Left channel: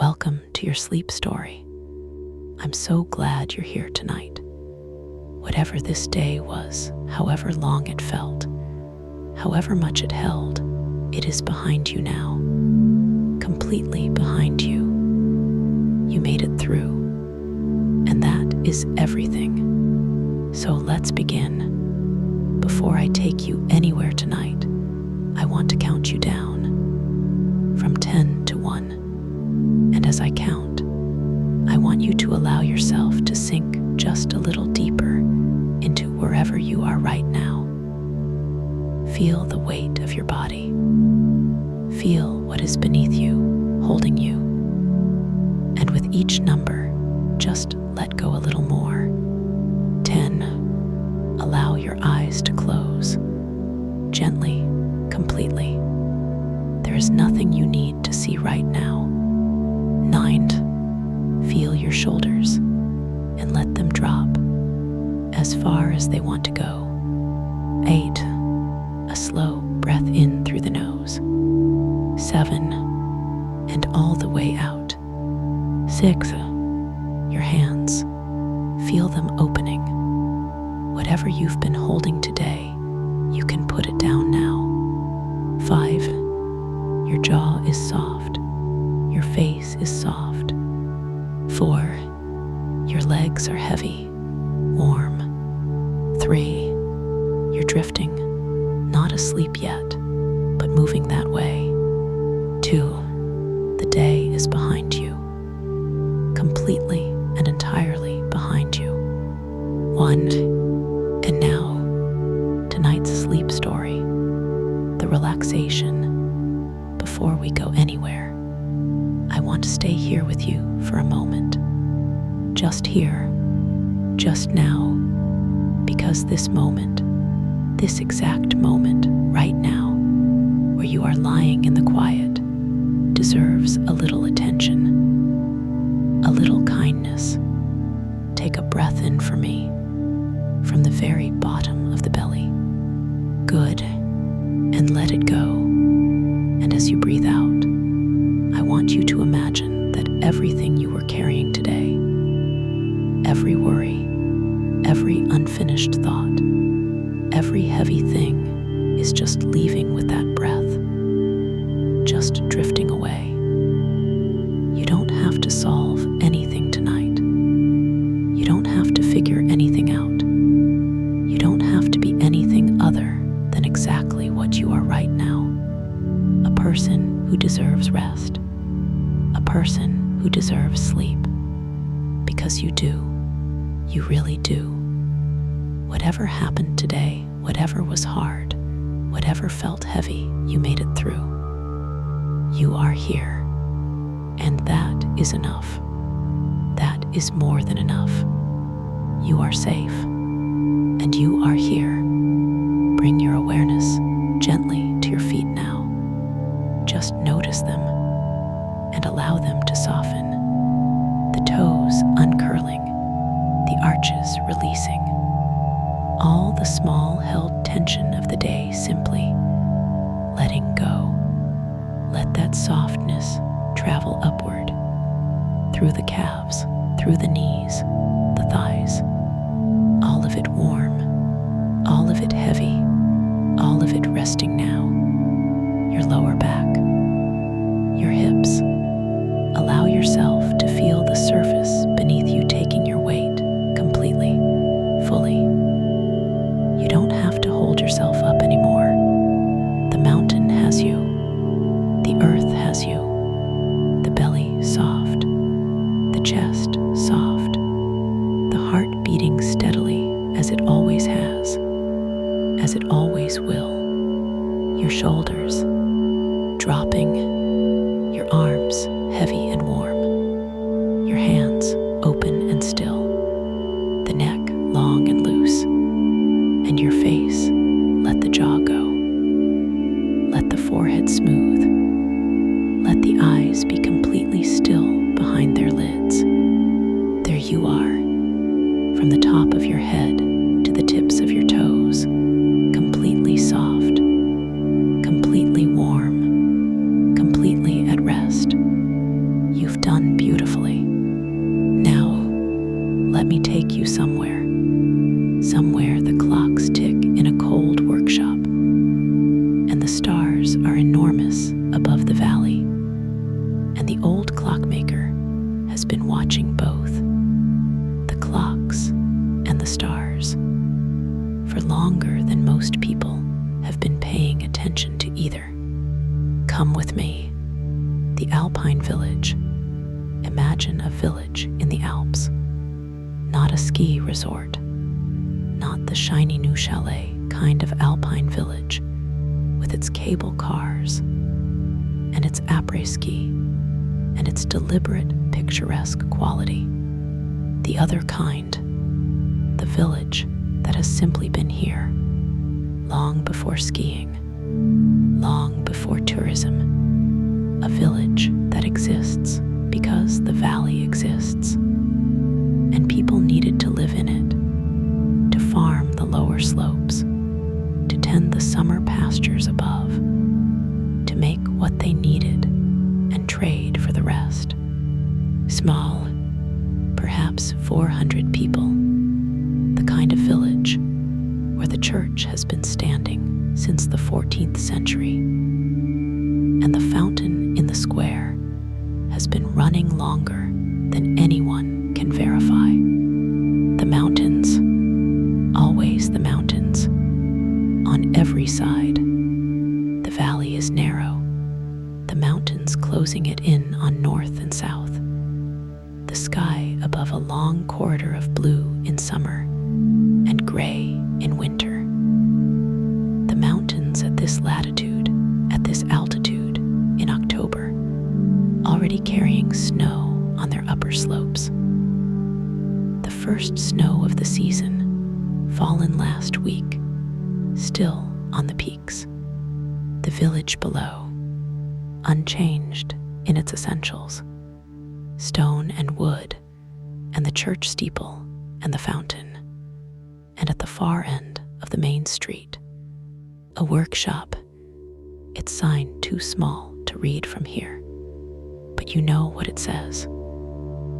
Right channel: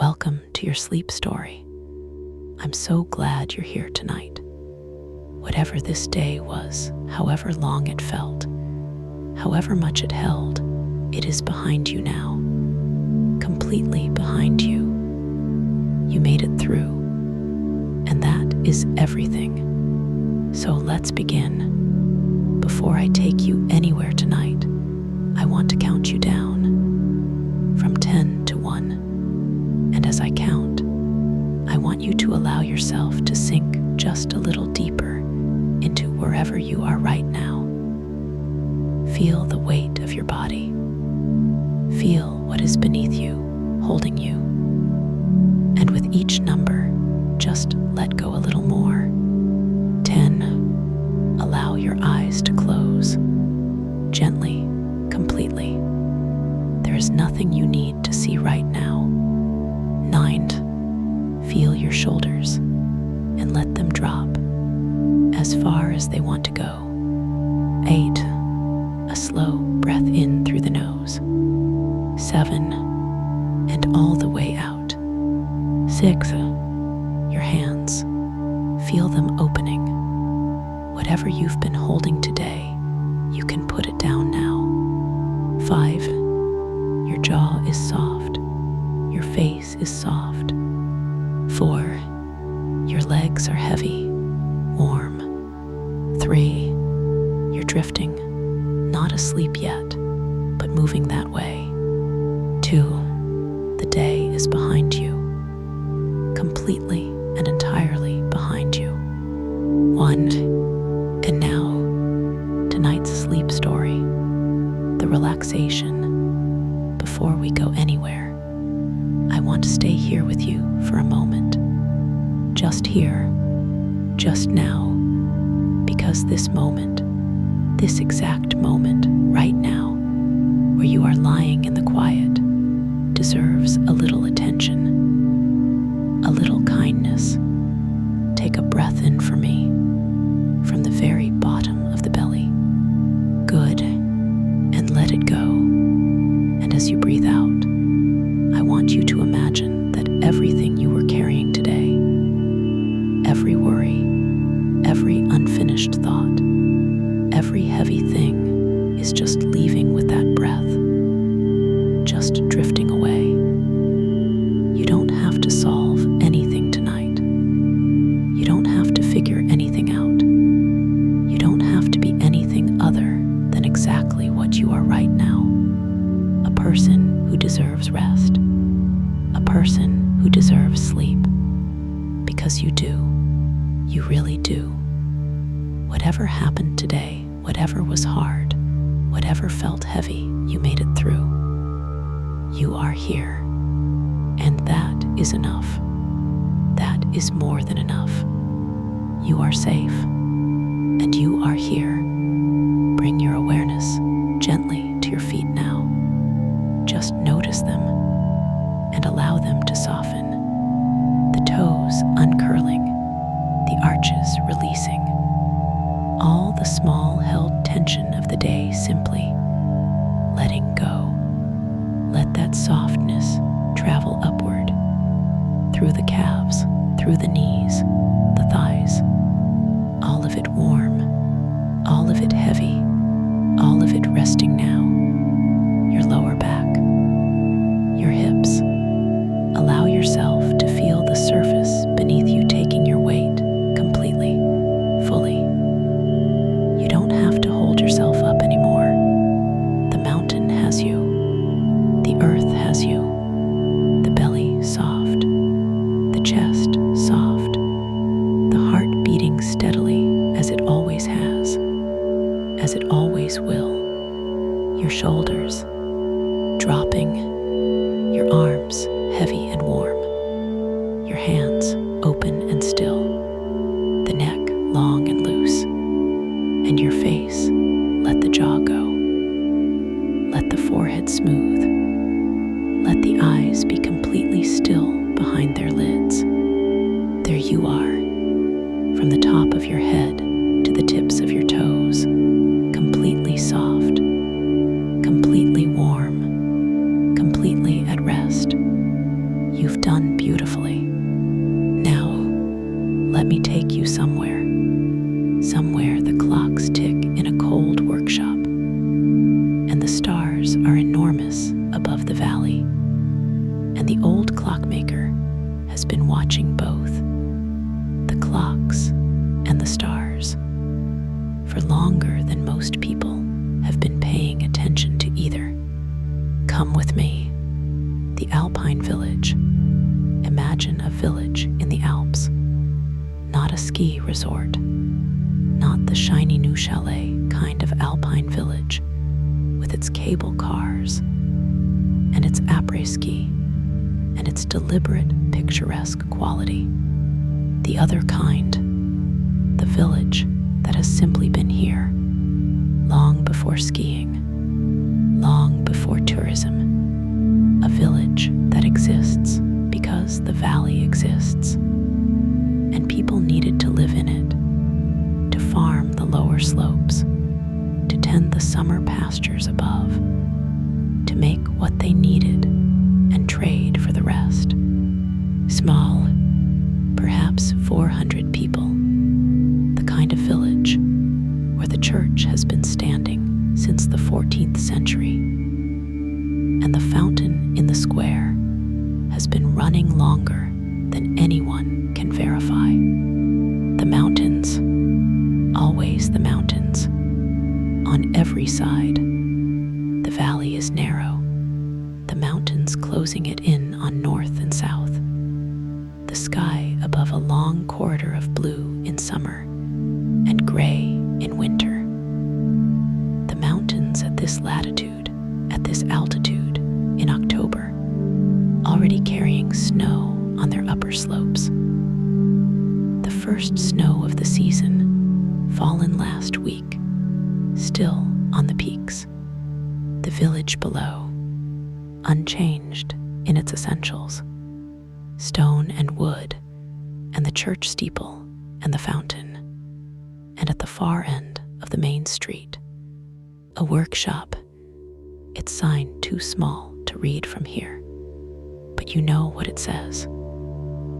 Welcome to your sleep story. I'm so glad you're here tonight. Whatever this day was, however long it felt, however much it held, it is behind you now. Completely behind you. You made it through. And that is everything. So let's begin. Before I take you anywhere tonight, I want to count you down from 10 to 1. And as I count, I want you to allow yourself to sink just a little deeper into wherever you are right now. Feel the weight of your body. Feel what is beneath you, holding you. And with each number, just let go a little more. 10. Allow your eyes to close. Gently, completely. There is nothing you need to see right now. 9. Feel your shoulders and let them drop as far as they want to go. 8. A slow breath in through the nose. 7. And all the way out. 6. Your hands. Feel them opening. Whatever you've been holding today, you can put it down now. 5. Your jaw is soft. Your face is soft. 4. Your legs are heavy, warm. 3. You're drifting, not asleep yet, but moving that way. 2. The day is behind you, completely and entirely behind you. 1. And now, tonight's sleep story, the relaxation. Before we go anywhere, I want to stay here with you for a moment. Just here, just now, because this moment, this exact moment right now, where you are lying in the quiet, deserves a little attention, a little kindness. Take a breath in for me, from the very bottom of the belly. Good, and let it go. And as you breathe out, I want you to imagine that everything you were carrying today, every worry, every unfinished thought, every heavy thing is just leaving with that breath, just drifting away. You don't have to solve anything tonight. You don't have to figure anything out. You don't have to be anything other than exactly what you are right now. A person who deserves rest. A person who deserves sleep. Because you do. You really do. Whatever happened today, whatever was hard, whatever felt heavy, you made it through. You are here. And that is enough. That is more than enough. You are safe. And you are here. Bring your awareness gently to your feet now. Just notice them and allow them to soften. The toes uncurling, the arches releasing. All the small held tension of the day simply letting go. Let that softness travel upward, through the calves, through the knees, the thighs. All of it warm, all of it heavy, all of it resting now. Your lower back, your hips. Allow yourself to feel the surface beneath you taking your weight completely, fully. You don't have to hold yourself up anymore. The mountain has you. The earth has you. The belly soft. The chest soft. The heart beating steadily as it always has. As it always will. Your shoulders dropping. Your arms heavy and warm. Your hands open and still. The neck long and loose. And your face, let the jaw go. Let the forehead smooth. Let the eyes be completely still behind their lids. There you are, from the top of your head to the tips of your toes, completely soft, completely warm, completely at rest. You You've done beautifully. Now, let me take you somewhere the clocks tick in a cold workshop, and the stars are enormous above the valley, and the old clockmaker has been watching both, the clocks and the stars, for longer than most people have been paying attention to either. Come with me. The Alpine village. Imagine a village in the Alps, not a ski resort, not the shiny new chalet kind of Alpine village with its cable cars and its après-ski and its deliberate picturesque quality. The other kind, the village that has simply been here long before skiing, long before tourism, a village that exists because the valley exists, and people needed to live in it, to farm the lower slopes, to tend the summer pastures above, to make what they needed and trade for the rest. Small, perhaps 400 people, the kind of village where the church has been standing since the 14th century, and the fountain in the square has been running longer than anyone can verify. The mountains, always the mountains, on every side. The valley is narrow, the mountains closing it in on north and south. The sky above a long corridor of blue in summer and gray in winter. The mountains at this latitude, at this altitude, in October, already carrying snow on their upper slopes. The first snow of the season, fallen last week, still on the peaks. The village below, unchanged in its essentials. Stone and wood, and the church steeple and the fountain. And at the far end of the main street, a workshop, its sign too small to read from here, but you know what it says.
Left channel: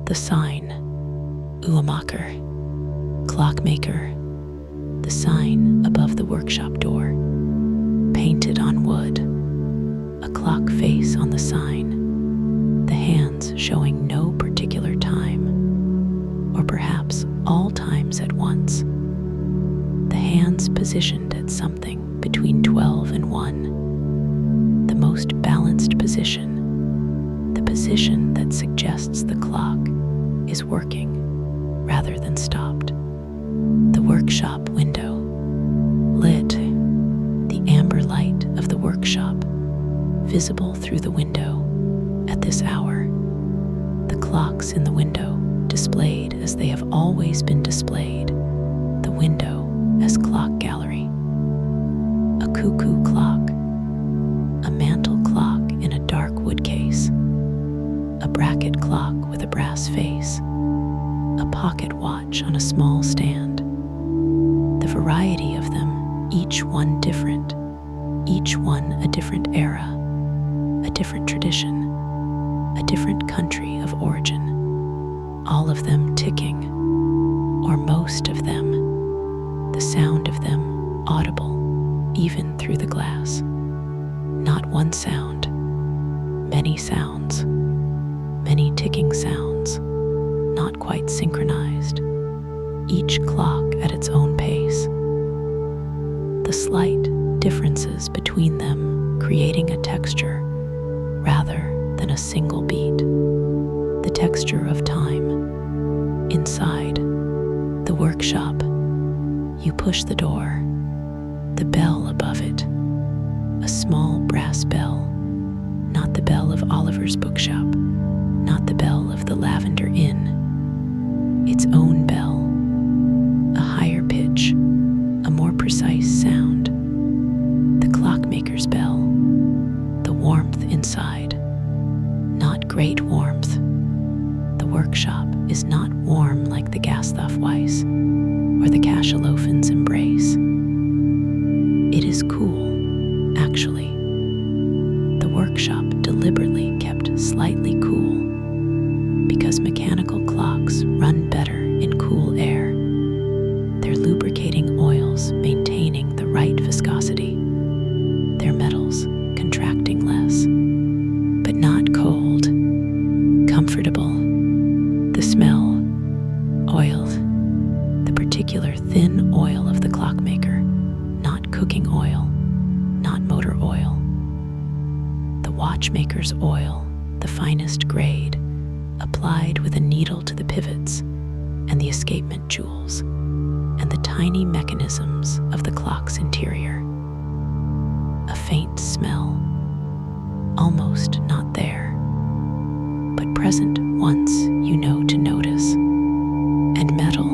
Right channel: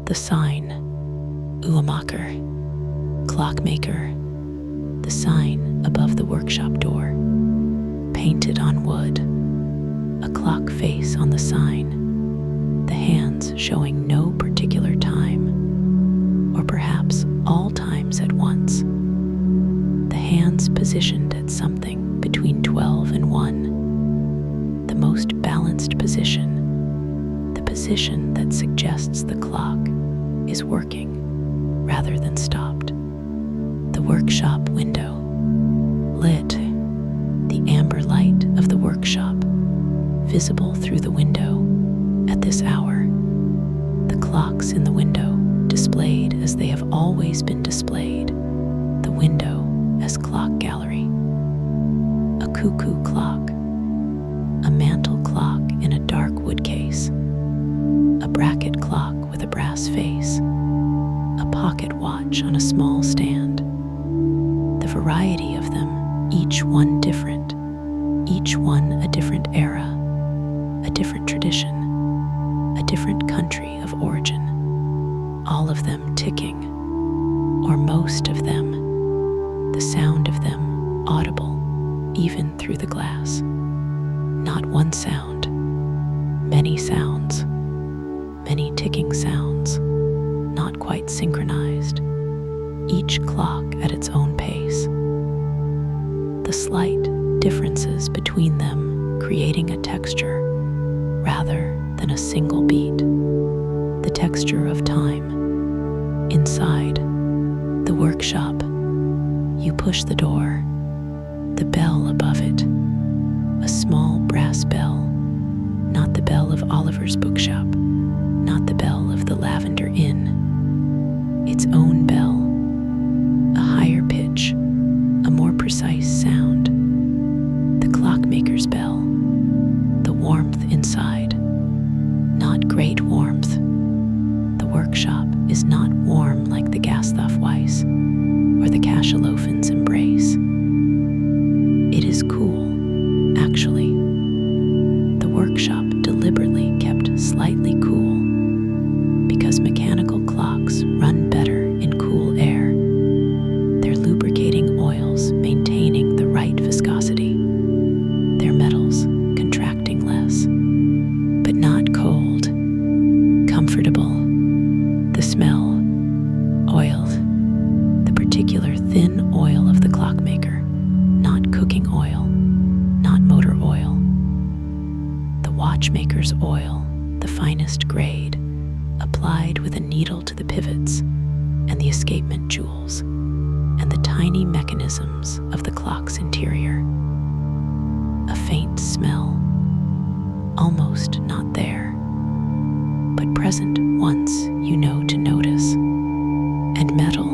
The sign, Clockmaker, Clockmaker, the sign above the workshop door, painted on wood, a clock face on the sign, the hands showing no particular time, or perhaps all times at once. The hands positioned at something between 12 and 1, the most balanced position, the position that suggests the clock is working rather than stopped. The workshop window, lit, the amber light of the workshop, visible through the window at this hour. The clocks in the window displayed as they have always been displayed, the window as clock gallery. A cuckoo clock, a mantle clock in a dark wood case, a bracket clock with a brass face, a pocket watch on a small stand. The variety of them, each one different, each one a different era, a different tradition, a different country of origin, all of them ticking, or most of them, the sound of them audible even through the glass. Not one sound, many sounds, many ticking sounds, not quite synchronized, each clock at its own pace. The slight differences between them creating a texture rather than a single beat, the texture of time. Inside the workshop, you push the door, the bell above it, a small brass bell, not the bell of Oliver's bookshop, not the bell of the Lavender Inn, its own bell, a higher pitch, a more precise sound, the clockmaker's bell, the warmth inside, not great warmth. The workshop is not warm like the Gasthof-Weiss or the Cachalofen's embrace. It is cool, actually. The workshop deliberately kept slightly cool because mechanical clocks run better in cool air. Their lubricating oils maintaining the right viscosity, their metals contracting less, but not cold, comfortable. The smell, oiled, the particular thin oil of the Clockmaker, not cooking oil, not motor oil. The watchmaker's oil, the finest grade, applied with a needle to the pivots and the escapement jewels and the tiny mechanisms of the clock's interior. A faint smell, almost not there, but present once you know to notice. And metal,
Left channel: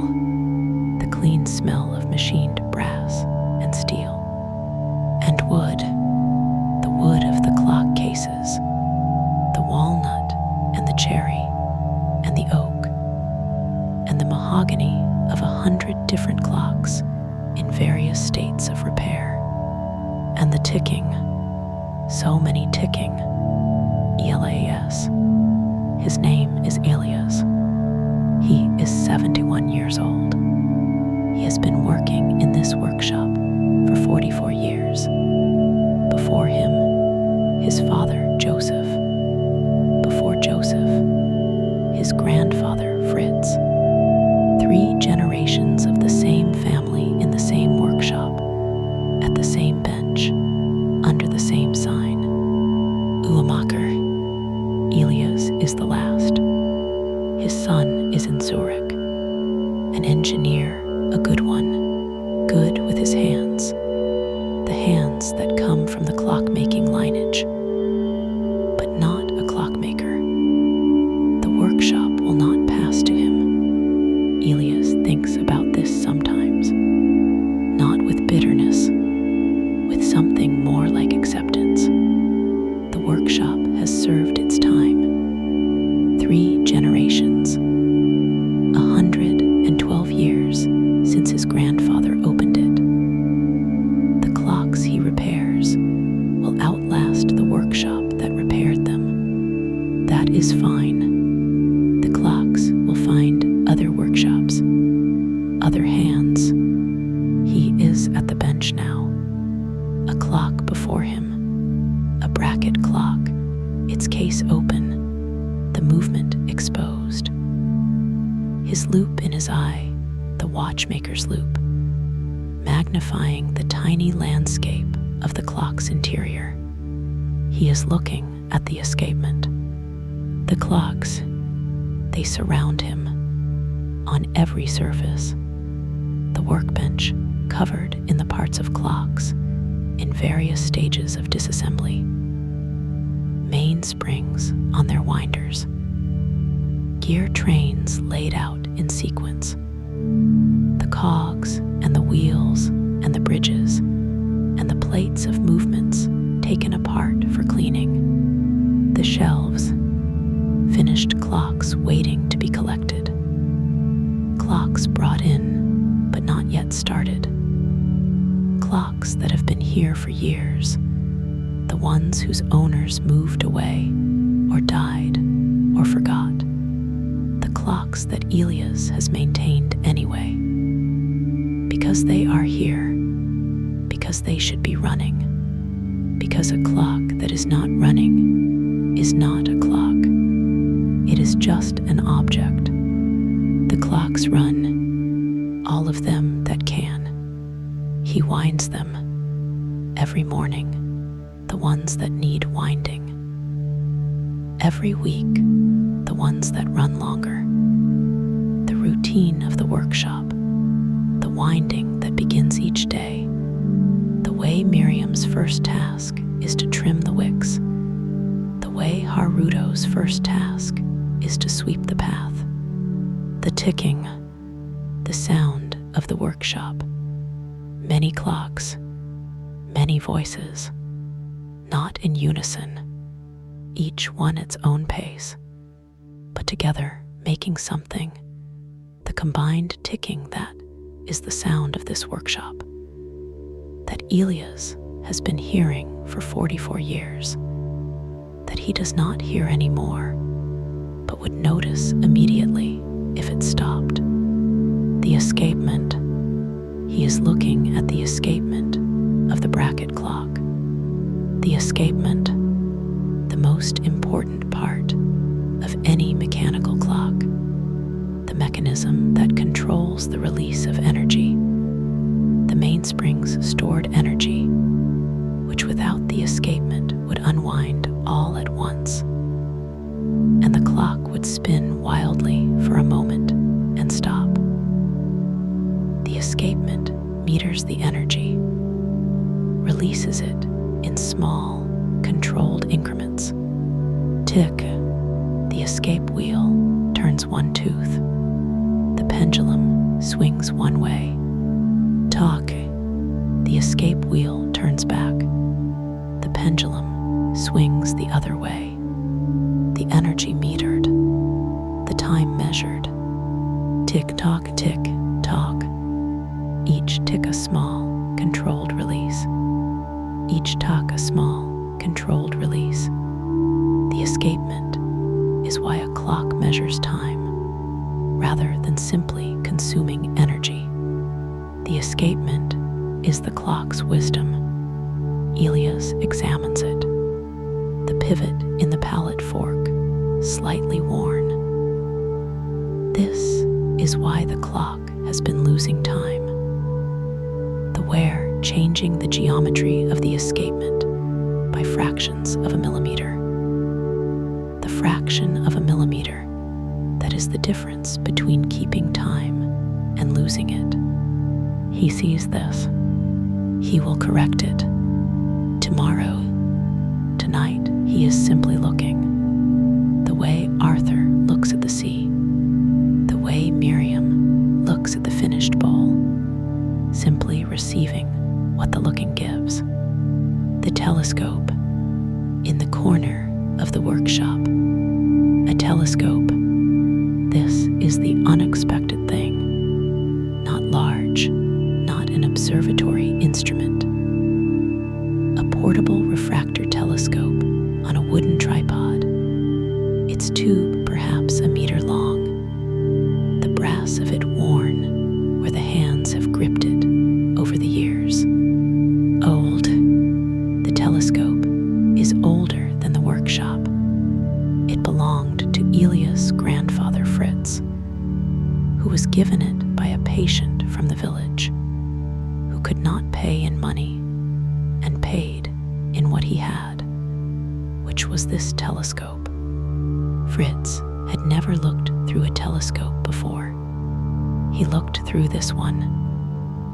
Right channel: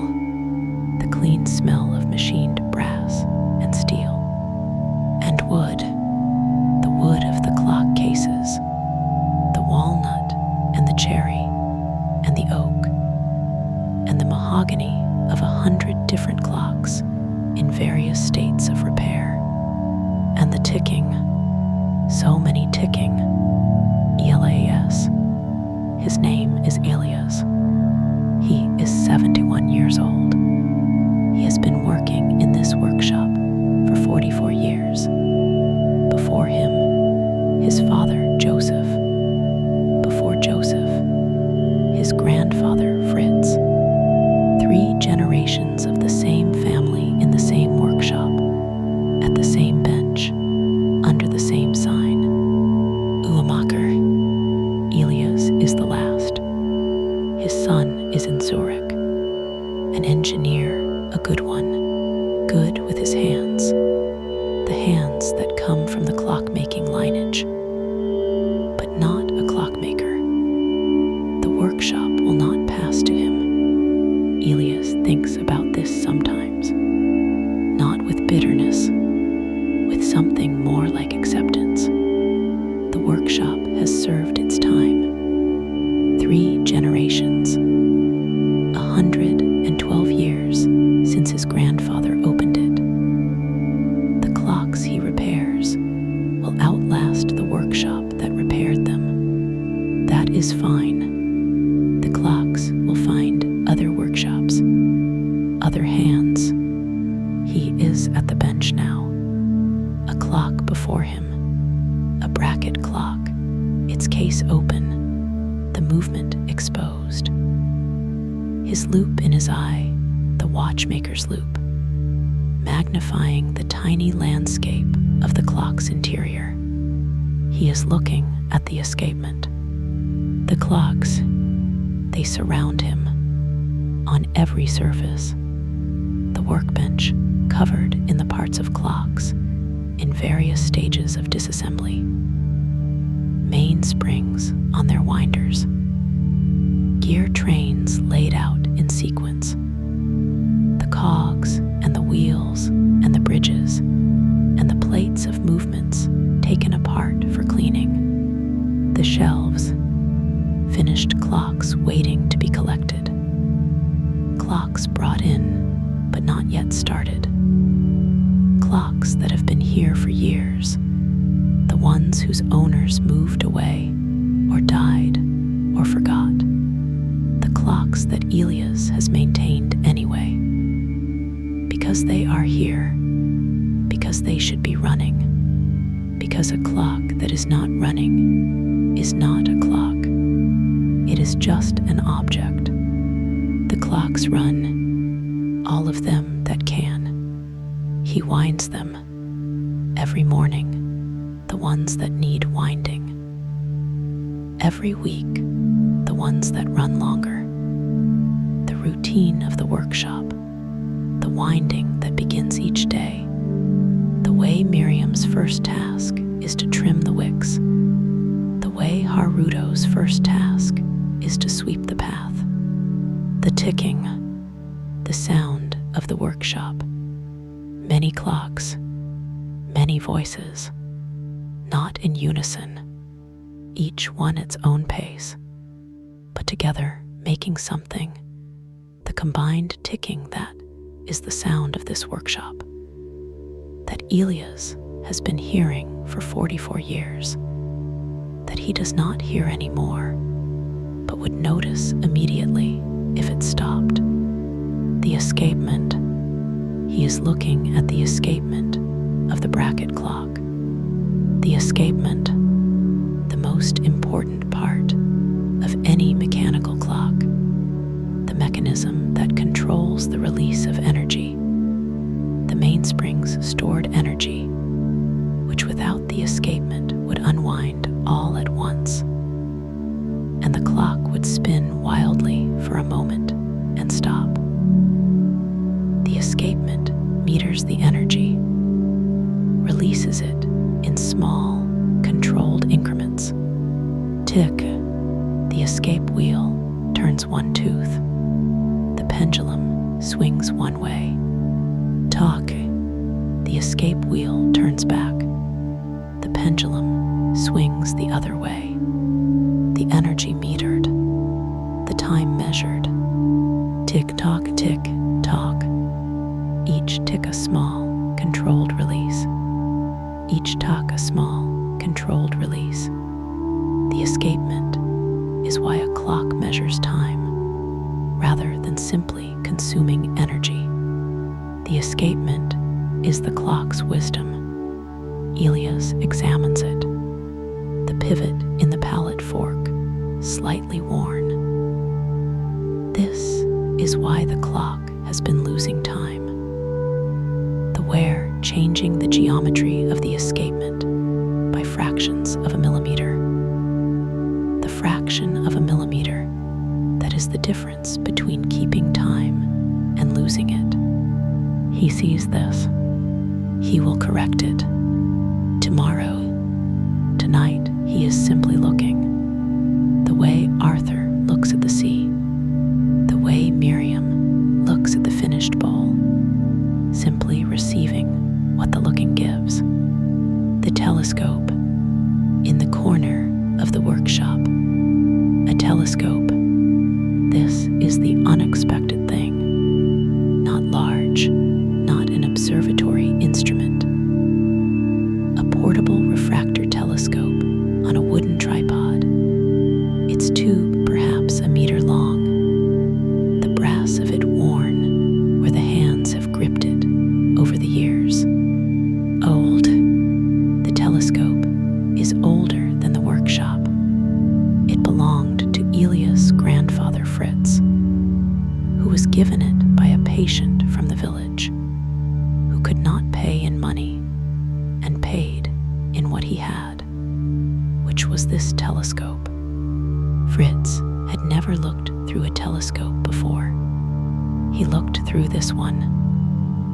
the clean smell of machined brass and steel. And wood, the wood of the clock cases, the walnut and the cherry and the oak, and the mahogany of 100 different clocks in various states of repair. And the ticking, so many ticking, Elias. His name is Elias. He is 71 years old. He has been working in this workshop for 44 years. Before him, his father, Joseph. Before Joseph, his grandfather, Fritz. 3 generations of the same family in the same workshop, at the same bench, under the same sign. Clockmaker. Elias is the last. His son is in Zurich, an engineer, a good one, good with his hands, the hands that come from the clock-making lineage, but not a clockmaker. The workshop will not pass to him. Elias thinks about this sometimes, not with bitterness, with something more like acceptance. The workshop has served its time. 3 generations, 112 years since his grandfather opened it. The clocks he repairs will outlast the workshop that repaired them. That is fine. The clocks will find other workshops, other hands. He is at the bench now. A clock before him, a bracket clock, its case open, the movement exposed. His loop in his eye, the watchmaker's loop, magnifying the tiny landscape of the clock's interior. He is looking at the escapement. The clocks, they surround him on every surface. The workbench covered in the parts of clocks in various stages of disassembly. Mainsprings on their winders. Gear trains laid out in sequence. The cogs and the wheels and the bridges and the plates of movements taken apart for cleaning. The shelves, finished clocks waiting to be collected. Clocks brought in, but not yet started. Clocks that have been here for years, the ones whose owners moved away, or died, or forgot. The clocks that Elias has maintained anyway. Because they are here, because they should be running, because a clock that is not running is not a clock. It is just an object. The clocks run, all of them that can. He winds them every morning, the ones that need winding. Every week, the ones that run longer. The routine of the workshop, the winding that begins each day. The way Miriam's first task is to trim the wicks. The way Haruto's first task is to sweep the path. The ticking, the sound of the workshop. Many clocks, many voices, not in unison, each one its own pace, but together making something, the combined ticking that is the sound of this workshop, that Elias has been hearing for 44 years, that he does not hear anymore, but would notice immediately if it stopped. The escapement. He is looking at the escapement of the bracket clock. The escapement, the most important part of any mechanical clock, the mechanism that controls the release of energy, the mainspring's stored energy, which without the escapement would unwind all at once, and the clock would spin wildly for a moment and stop. The escapement meters the energy, releases it in small, controlled increments. Tick, the escape wheel turns one tooth. The pendulum swings one way. Tock, the escape wheel turns back. The pendulum swings the other way. The energy metered, the time measured. Tick-tock, tick-tock. Each tick a small, controlled release. Each tock a small, controlled release. The escapement is why a clock measures time, rather than simply consuming energy. The escapement is the clock's wisdom. Elias examines it. The pivot in the palette fork, slightly worn. This is why the clock has been losing time. The wear changing the geometry of the escapement by fractions of a millimeter. The fraction of a millimeter that is the difference between keeping time and losing it. He sees this. He will correct it. Tomorrow, tonight, he is simply looking. The way Arthur looks at the sea. The way Miriam looks at the finished bowl. Simply receiving what the looking gives. The telescope in the corner of the workshop. A telescope. This is the unexpected thing. Not large, not an observatory instrument. A portable refractor telescope on a wooden tripod. Its tube perhaps a meter long. The brass of it worn where the hands have gripped it over the years. Old. The telescope is older than the workshop. It belonged to Elias' grandfather Fritz, who was given it by a patient from the village, who could not pay in money and paid in what he had, which was this telescope. Fritz had never looked through a telescope before. He looked through this one.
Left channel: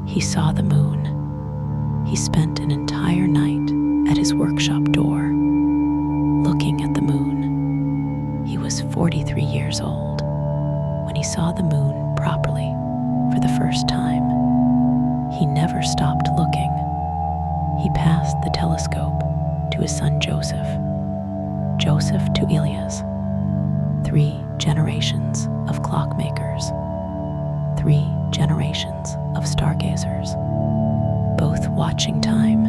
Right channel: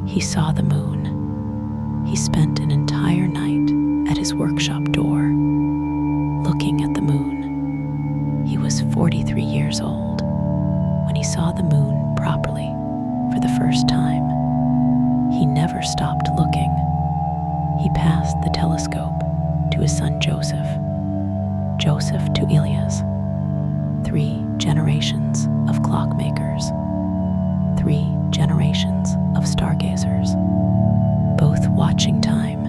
He saw the moon. He spent an entire night at his workshop door, looking at the moon. He was 43 years old when he saw the moon properly for the first time. He never stopped looking. He passed the telescope to his son Joseph, Joseph to Elias. 3 generations of clockmakers, 3 generations of stargazers, both watching time,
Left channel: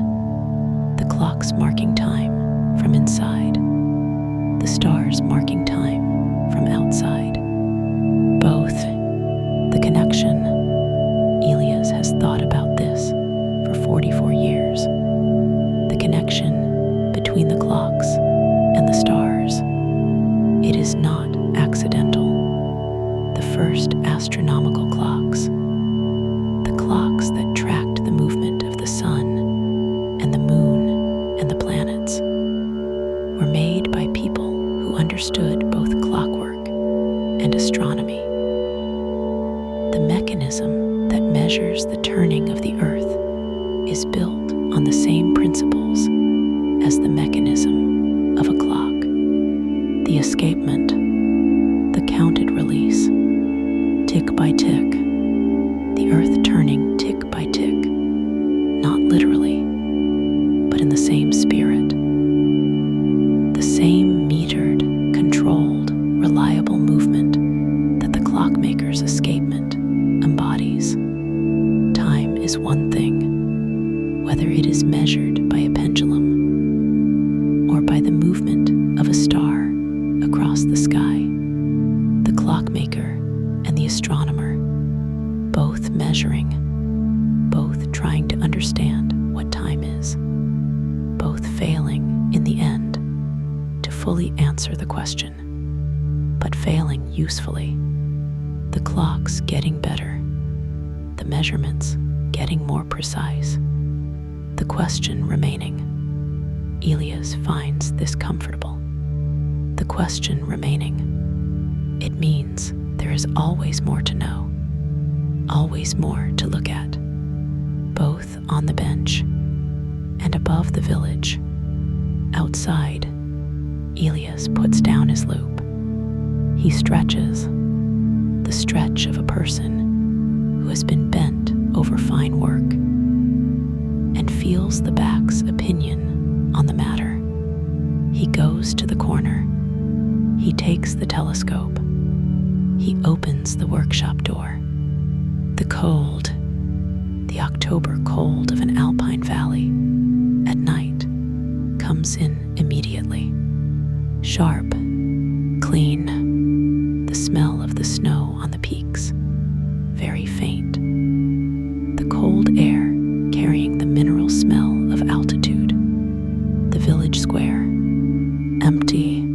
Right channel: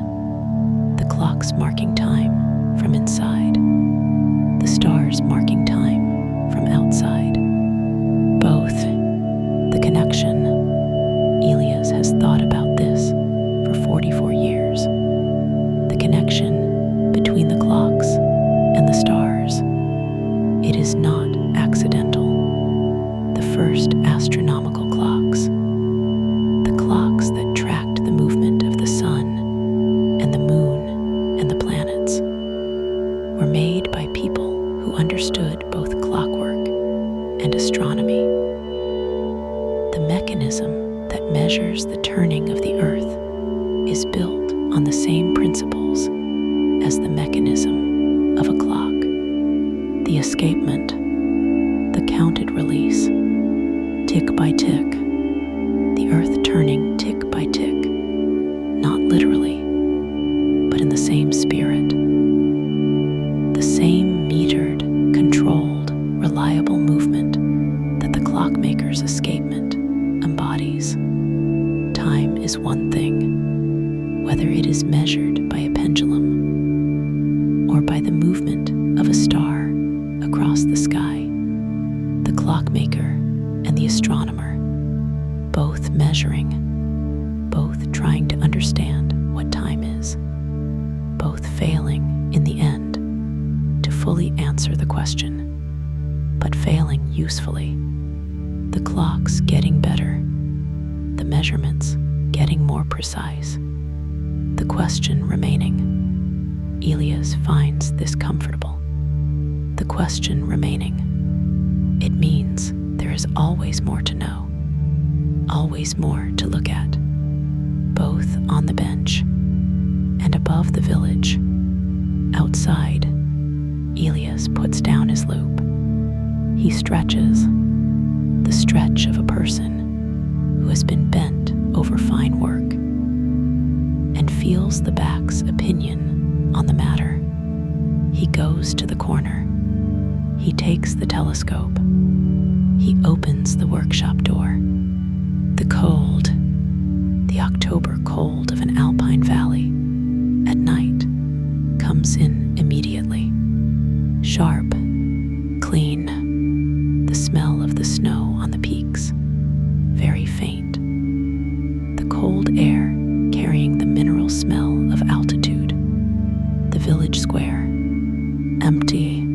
the clocks marking time from inside, the stars marking time from outside. Both. The connection. Elias has thought about this for 44 years. The connection between the clocks and the stars. It is not accidental. The first astronomical clocks, the clocks that tracked the movement of the sun and the moon and the planets, were made by people who understood both clockwork and astronomy. The mechanism that measures the turning of the earth is built on the same principles as the mechanism of a clock. The escapement, the counted release, tick by tick, the earth turning tick by tick, not literally, but in the same spirit. The same metered, controlled, reliable movement that the clockmaker's escapement embodies. Time is one thing, whether it is measured by a pendulum or by the movement of a star across the sky. clockmaker and the astronomer, both measuring, both trying to understand what time is, both failing in the end to fully answer the question, but failing usefully. The clocks getting better, the measurements getting more precise, the question remaining. Elias finds this comfortable. The question remaining. It means there is always more to know, always more to look at, both on the bench and above the village. Outside, Elias puts down his loop. He stretches, the stretch of a person who has been bent over fine work, and feels the back's opinion on the matter. He goes to the corner. He takes the telescope. He opens the workshop door. The cold, the October cold of an Alpine valley at night comes in immediately. Sharp, clean, the smell of the snow on the peaks, very faint. The cold air carrying the mineral smell of altitude. The village square, empty,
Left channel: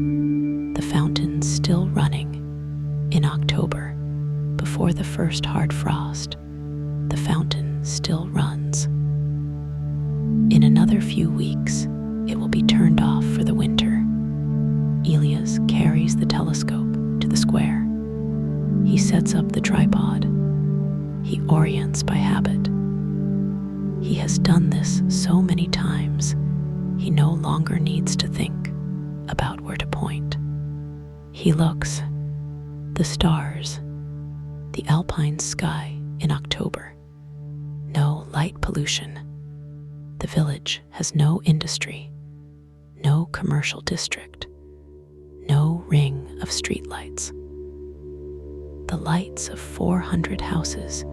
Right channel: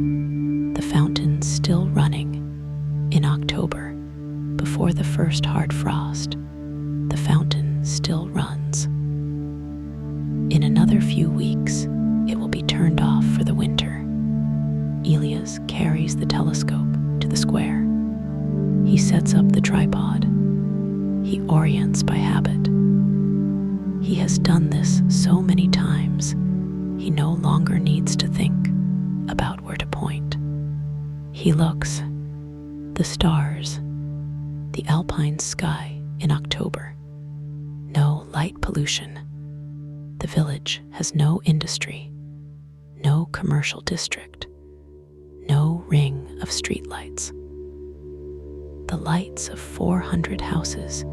the fountain still running. In October, before the first hard frost, the fountain still runs. In another few weeks, it will be turned off for the winter. Elias carries the telescope to the square. He sets up the tripod. He orients by habit. He has done this so many times, he no longer needs to think about where to point. He looks, the stars, the Alpine sky in October. No light pollution. The village has no industry, no commercial district, no ring of streetlights. The lights of 400 houses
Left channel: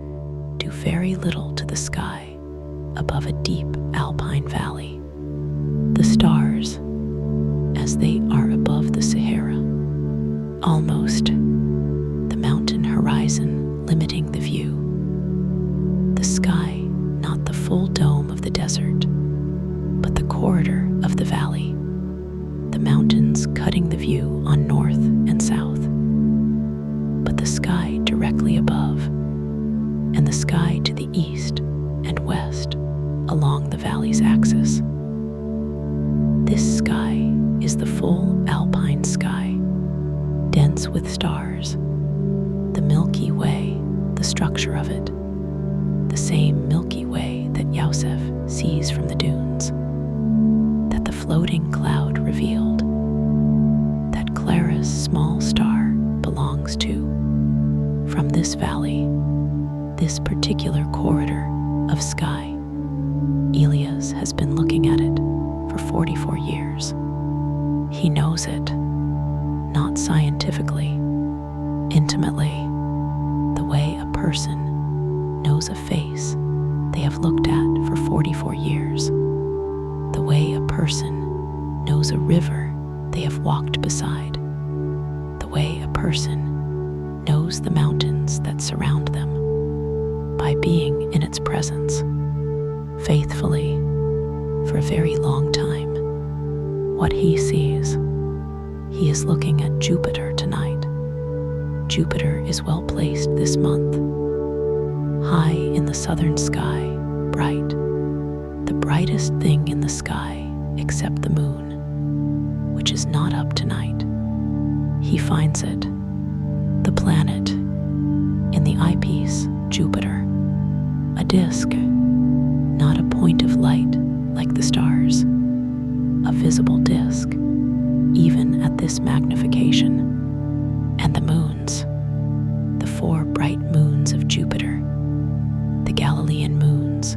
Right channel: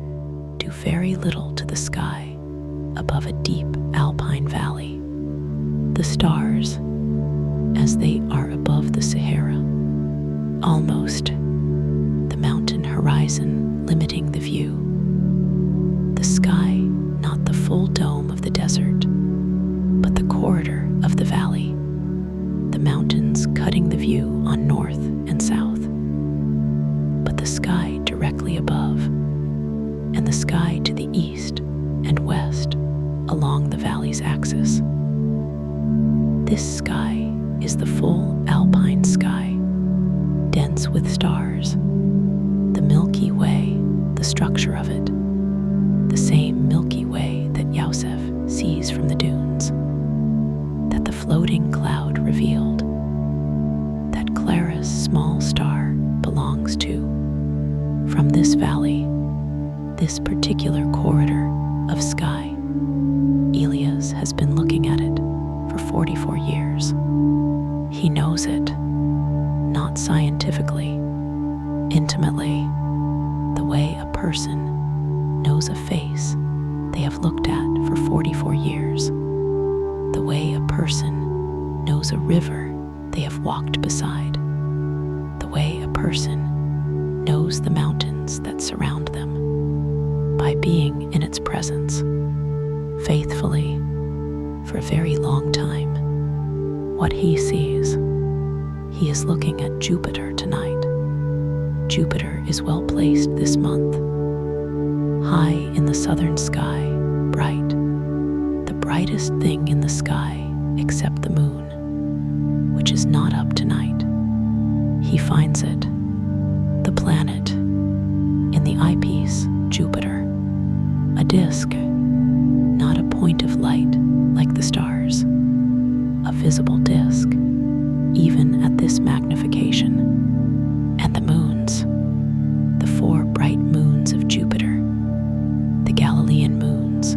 do very little to the sky above a deep Alpine valley. The stars, as they are above the Sahara, almost the mountain horizon limiting the view. The sky, not the full dome of the desert, but the corridor of the valley, the mountains cutting the view on north and south, but the sky directly above, and the sky to the east and west along the valley's axis. This sky is the full Alpine sky, dense with stars, the Milky Way, the structure of it, the same Milky Way that Yosef sees from the dunes, that the floating cloud revealed, that Clara's small star belongs to. From this valley, this particular corridor of sky, Elias has been looking at it for 44 years. He knows it, not scientifically, intimately, the way a person knows a face they have looked at for 44 years, the way a person knows a river they have walked beside, the way a person knows the mountains that surround them, by being in its presence, faithfully, for a very long time. What he sees, he is looking at Jupiter tonight. Jupiter is well placed this month, high in the southern sky, bright, the brightest thing in the sky except the moon, which is not up tonight. He finds it, the planet, in the eyepiece, Jupiter, a disk, not a point of light like the stars, a visible disk, even at this magnification. And the moons, the 4 bright moons of Jupiter, the Galilean moons,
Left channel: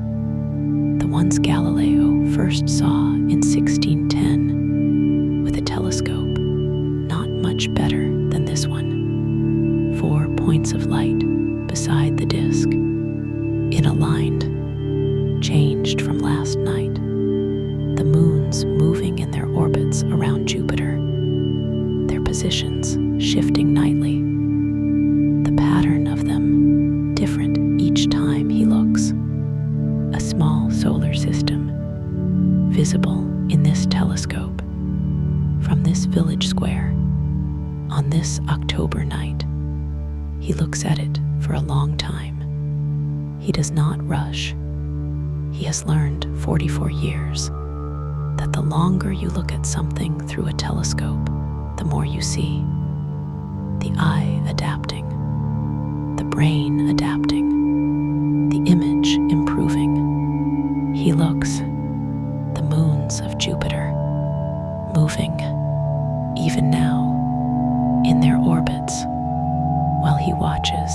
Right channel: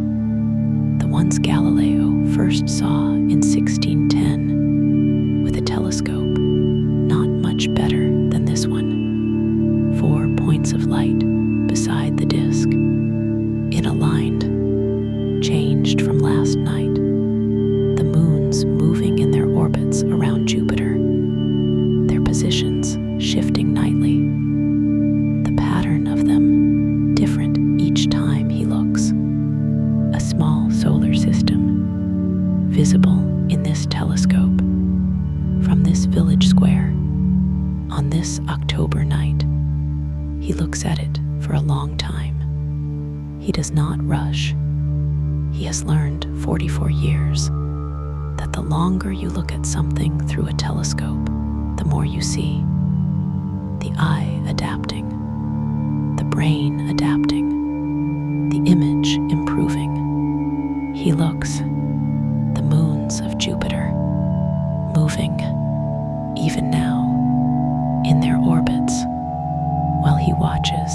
the ones Galileo first saw in 1610 with a telescope not much better than this one. 4 points of light beside the disk, inaligned, changed from last night, the moons moving in their orbits around Jupiter, their positions shifting nightly, October night. He looks at it for a long time. He does not rush. He has learned 44 years that the longer you look at something through a telescope, the more you see. The eye adapting, the brain adapting, the image improving. He looks, the moons of Jupiter, moving, even now, in their orbits, while he watches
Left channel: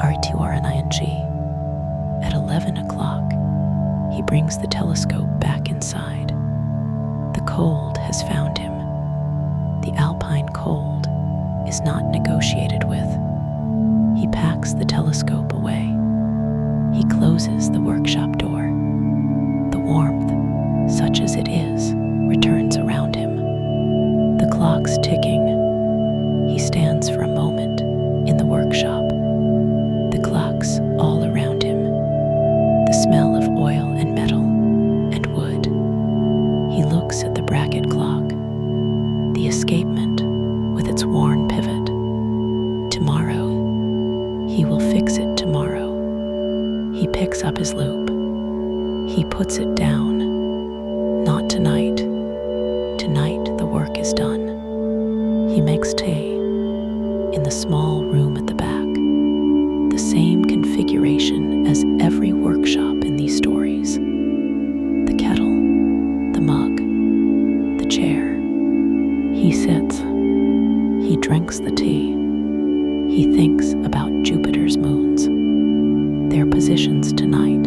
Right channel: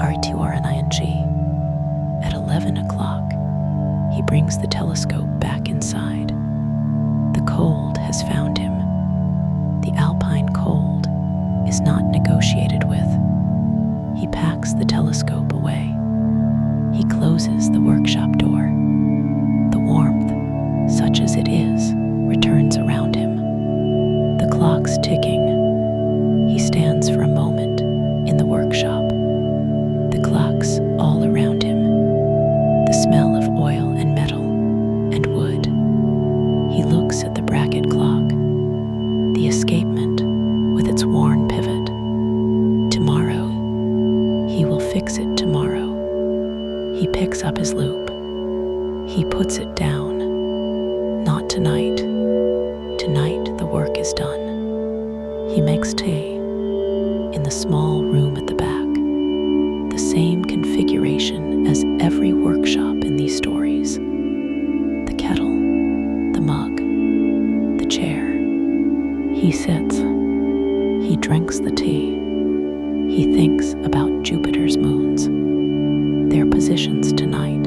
RTRNING. At 11 o'clock, he brings the telescope back inside. The cold has found him. The Alpine cold is not negotiated with. He packs the telescope away. He closes the workshop door. The warmth, such as it is, returns around him. The clock's ticking. He stands for a moment in the workshop. The clocks all around him. The smell of oil and metal and wood. He looks at the bracket clock, the escapement with its worn pivot. Tomorrow, he will fix it tomorrow. He picks up his loop. He puts it down. Not tonight. Tonight the work is done. He makes tea in the small room at the back. The same configuration as every workshop in these stories. The kettle, the mug, the chair. He sits. He drinks the tea. He thinks about Jupiter's moons, their positions tonight.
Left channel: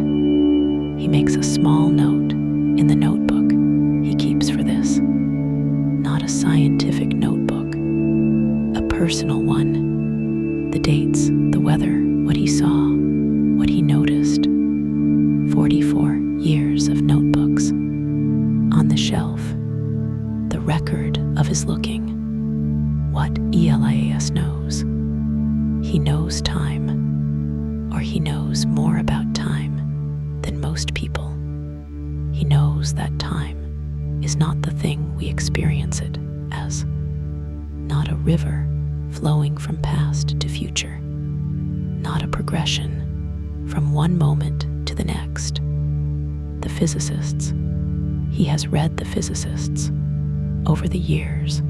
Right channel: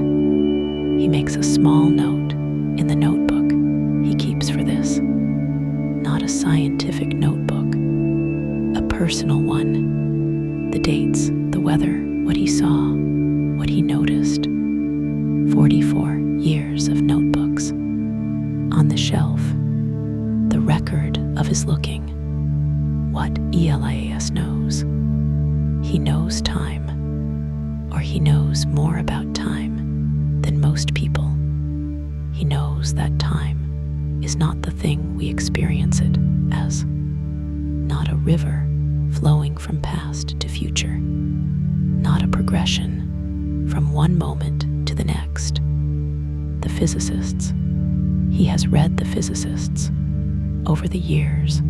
He makes a small note in the notebook he keeps for this. Not a scientific notebook, a personal one. The dates, the weather, what he saw, what he noticed. 44 years of notebooks. On the shelf, the record of his looking. What ELIAS knows. He knows time, or he knows more about time than most people. He knows that time is not the thing we experience it as. Not a river flowing from past to future. Not a progression from one moment to the next. The physicists. He has read the physicists over the years,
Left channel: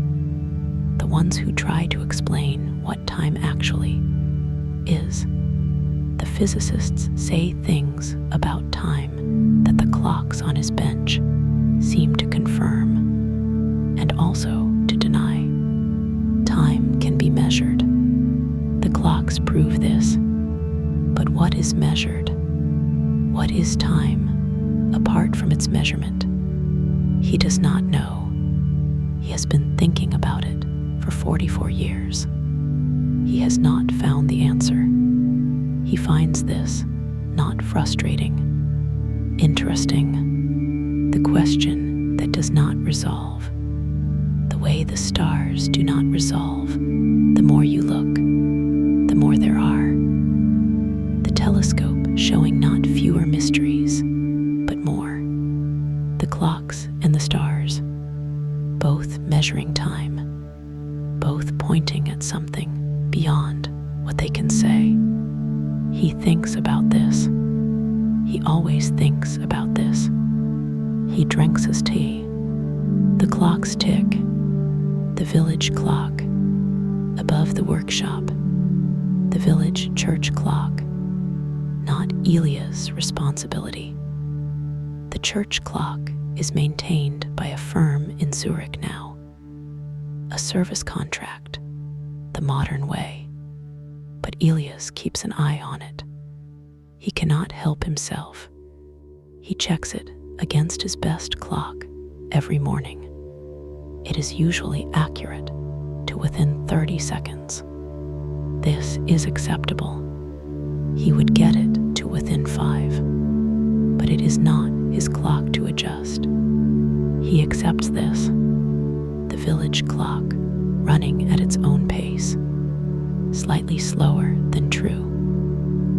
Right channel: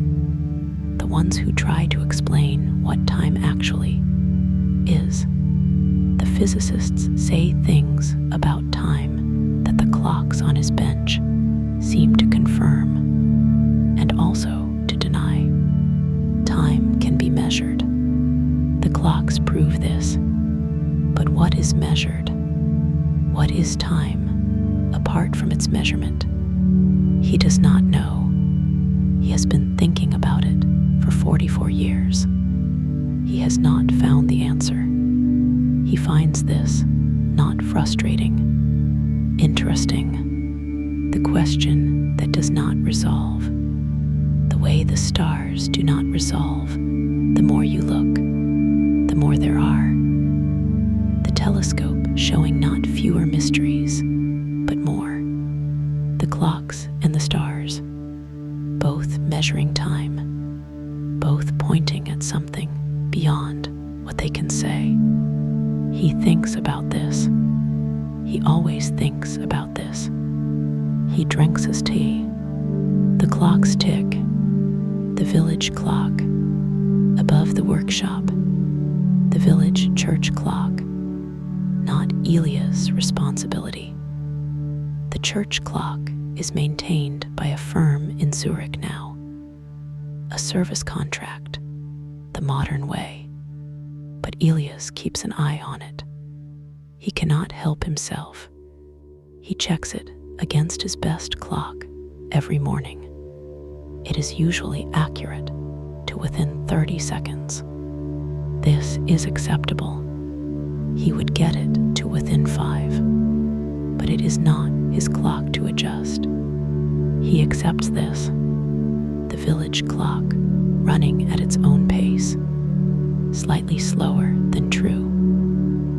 the ones who try to explain what time actually is. The physicists say things about time that the clocks on his bench seem to confirm and also to deny. Time can be measured. The clocks prove this. But what is measured? What is time apart from its measurement? He does not know. He has been thinking about it for 44 years. He has not found the answer. He finds this not frustrating, interesting, the question that does not resolve, the way the stars do not resolve. The more you look, the more there are. The telescope showing not fewer mysteries, but more. The clocks and the stars, both measuring time, both pointing at something beyond what they can say. He thinks about this. He always thinks about this. He drinks his tea. The clocks tick. The village clock. Above the workshop. The village church clock. Not Elia's responsibility. The church clock is maintained by a firm in Zurich now. A service contract, the modern way. But Elias keeps an eye on it. He cannot help himself. He checks it against his best clock every morning. It is usually accurate to within 30 seconds. This is acceptable. He would get it to within 5, but it is not his clock to adjust. He accepts this. The village clock running at its own pace, slightly slower than true,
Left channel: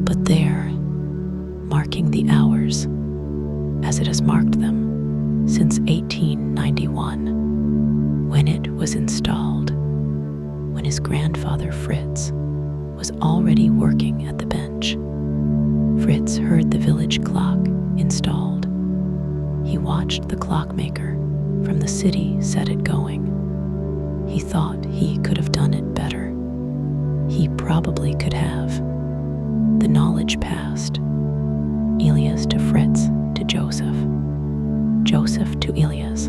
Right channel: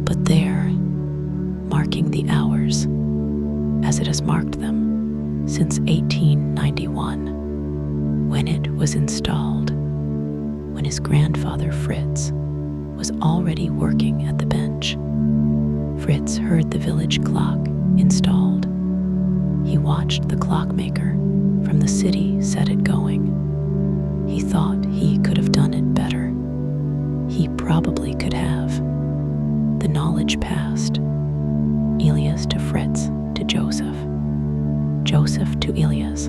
but there, marking the hours as it has marked them since 1891, when it was installed, when his grandfather Fritz was already working at the bench. Fritz heard the village clock installed. He watched the clockmaker from the city set it going. He thought he could have done it better. He probably could have. The knowledge passed. Elias to Fritz to Joseph. Joseph to Elias.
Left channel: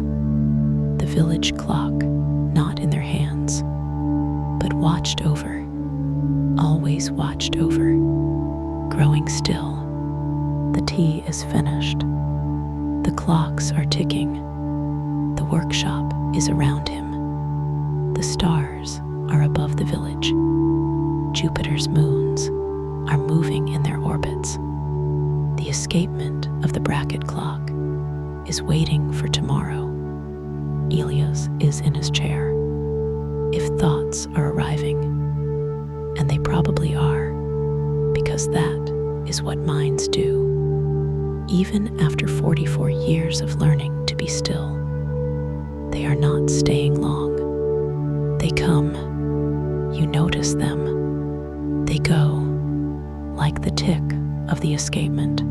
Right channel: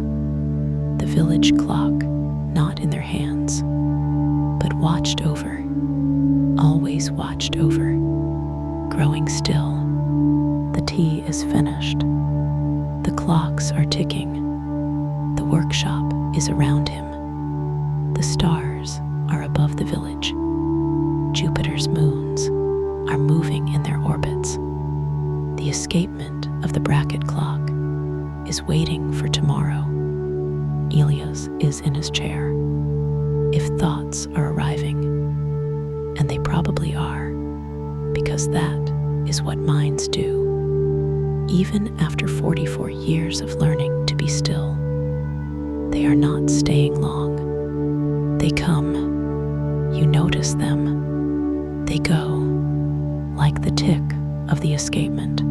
The village clock not in their hands, but watched over, always watched over, growing still. The tea is finished. The clocks are ticking. The workshop is around him. The stars are above the village. Jupiter's moons are moving in their orbits. The escapement of the bracket clock is waiting for tomorrow. Elias is in his chair. If thoughts are arriving, and they probably are, because that is what minds do, even after 44 years of learning to be still, they are not staying long. They come, you notice them. They go, like the tick of the escapement.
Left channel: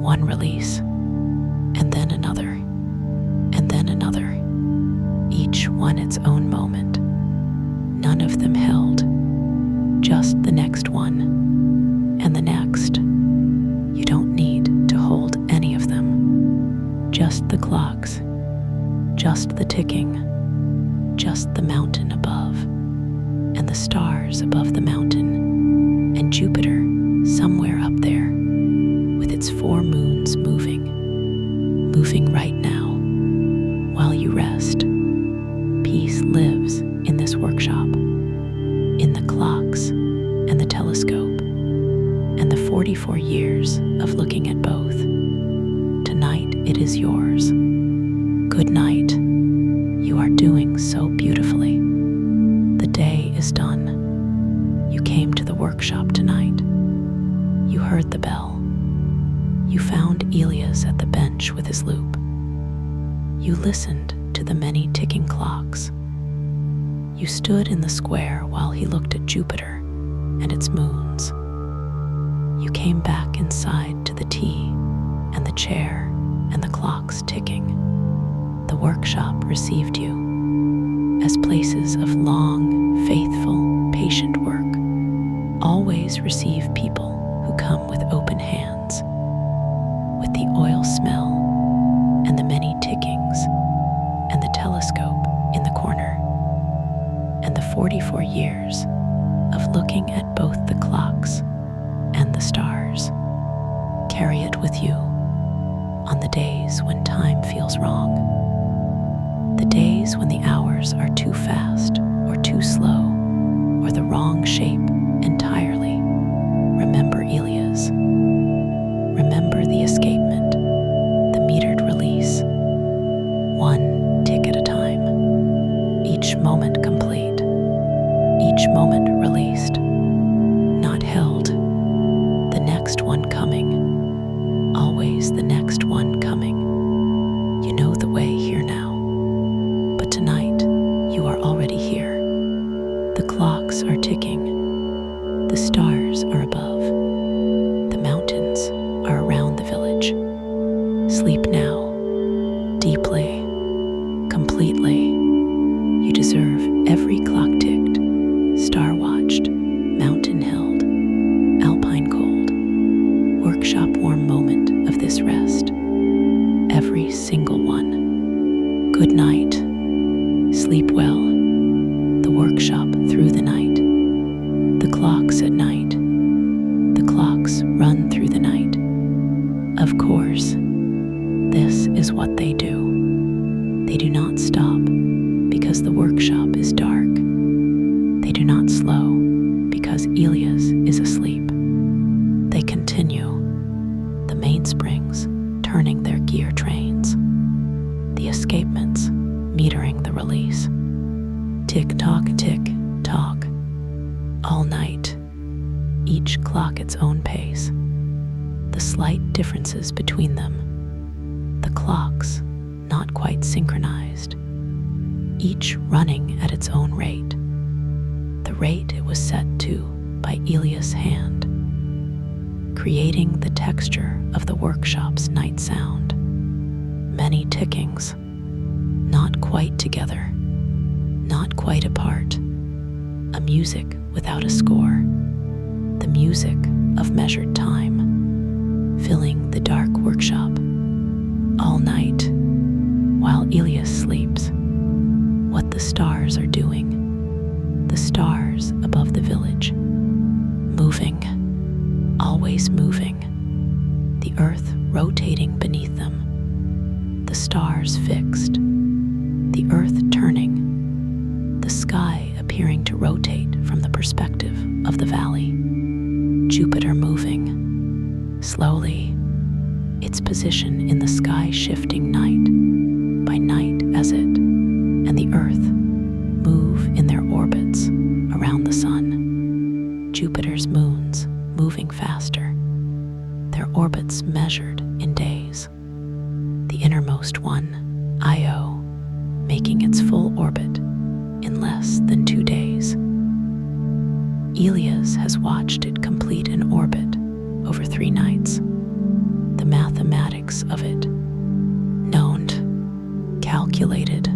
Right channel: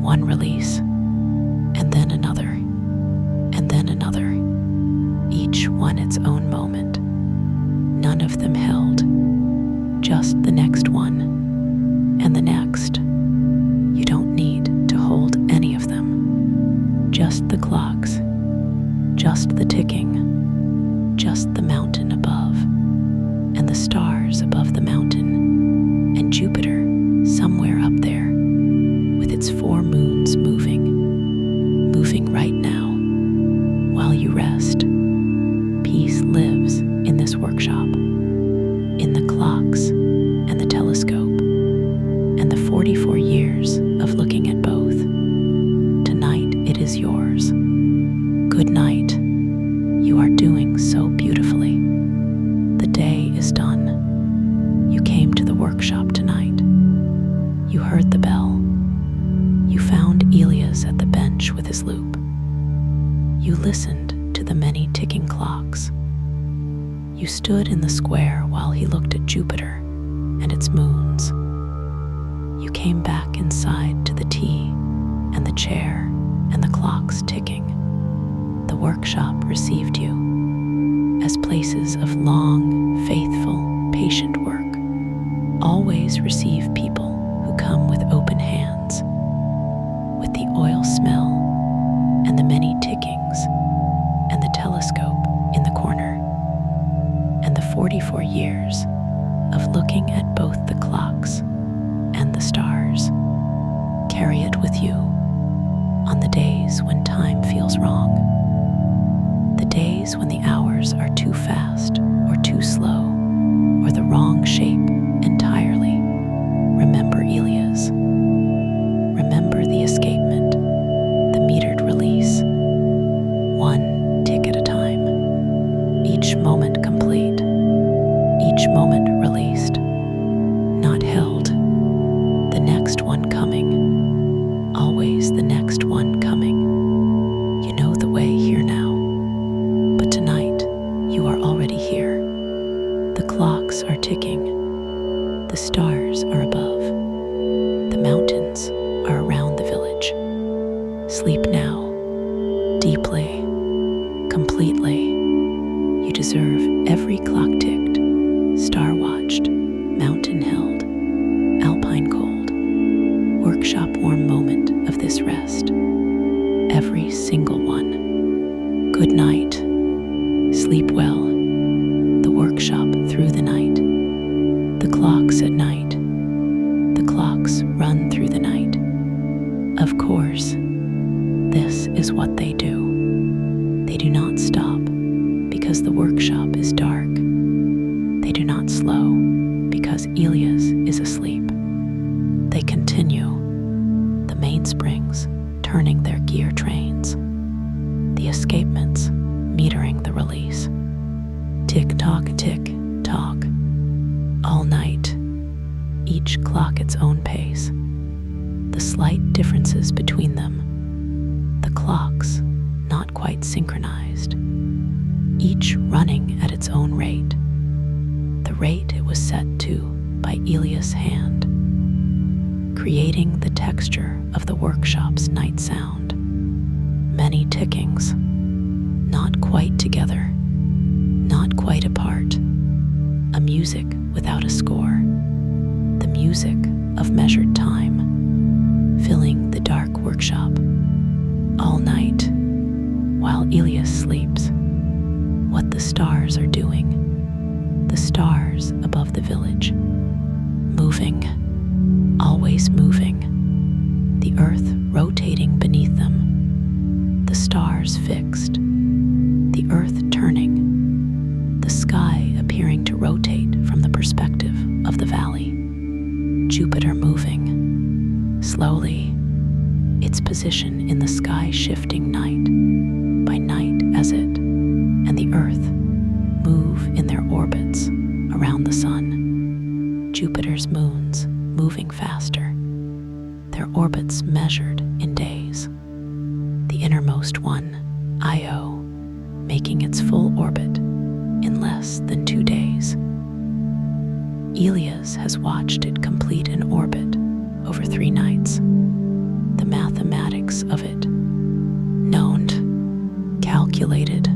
One release, and then another, and then another. Each one its own moment. None of them held. Just the next one, and the next. You don't need to hold any of them. Just the clocks, just the ticking, just the mountain above, and the stars above the mountain, and Jupiter somewhere up there, with its 4 moons moving right now, while you rest. Peace lives in this workshop, in the clocks and the telescope, and the 44 years of looking at both. Tonight it is yours. Good night. You are doing so beautifully. The day is done. You came to the workshop tonight. You heard the bell. You found Elias at the bench with his loop. You listened to the many ticking clocks. You stood in the square while he looked at Jupiter and its moons. You came back inside to the tea and the chair and the clocks ticking. The workshop received you as places of long, faithful, patient work always receive people who come with open hands, with the oil smell and the many tickings and the telescope in the corner, and the 44 years of looking at both the clocks and the stars. Carry it with you on the days when time feels wrong, the days when the hours are too fast or too slow, or the wrong shape entirely. Remember Elias. Remember the escapement, the metered release. One tick at a time, each moment complete, each moment released, not held, the next one coming, always the next one coming. You know the way here now, but tonight you are already here. The clocks are ticking, the stars are above, the mountains are around the village. Sleep now, deeply, completely. You deserve every clock ticked, star watched, mountain held, Alpine cold, workshop warm moment of this rest. Every single one. Good night. Sleep well. The workshop through the night. The clocks at night. The clocks run through the night. Of course, this is what they do. They do not stop because the workshop is dark. They do not slow because Elias is asleep. They continue, the mainsprings turning their gear trains, the escapements metering the release. Tick-tock, tick-tock, all night, each clock its own pace, the slight differences between them, the clocks not quite synchronized, each running at its own rate, rate it was set to by Elias' hand, creating the texture of the workshop's night sound. Many tickings, not quite together, not quite apart, a music without a score, the music of measured time, filling the dark workshop all night while Elias sleeps. What the stars are doing, the stars above the village, moving, always moving, the earth rotating beneath them, the stars fixed, the earth turning, the sky appearing to rotate from the perspective of the valley, Jupiter moving, slowly, its position in the sky shifting night by night as it and the earth move in their orbits around the sun. Jupiter's moons moving faster, their orbits measured in days. The innermost one, Io, making its full orbit in less than 2 days. Elias has watched it complete an orbit over 3 nights. The mathematics of it, known, calculated,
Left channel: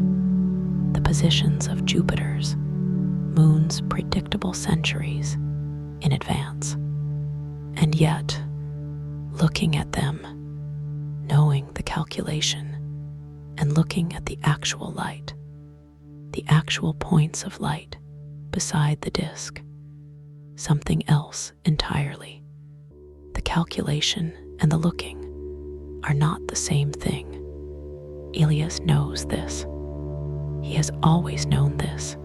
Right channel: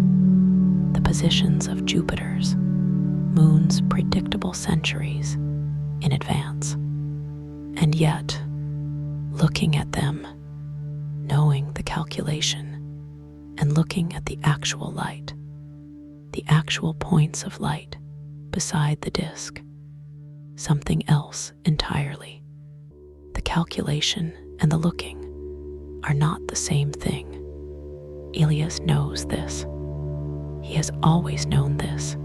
the positions of Jupiter's, moon's predictable centuries in advance. And yet, looking at them, knowing the calculation, and looking at the actual light, the actual points of light beside the disk, something else entirely. The calculation and the looking are not the same thing. Elias knows this. He has always known this.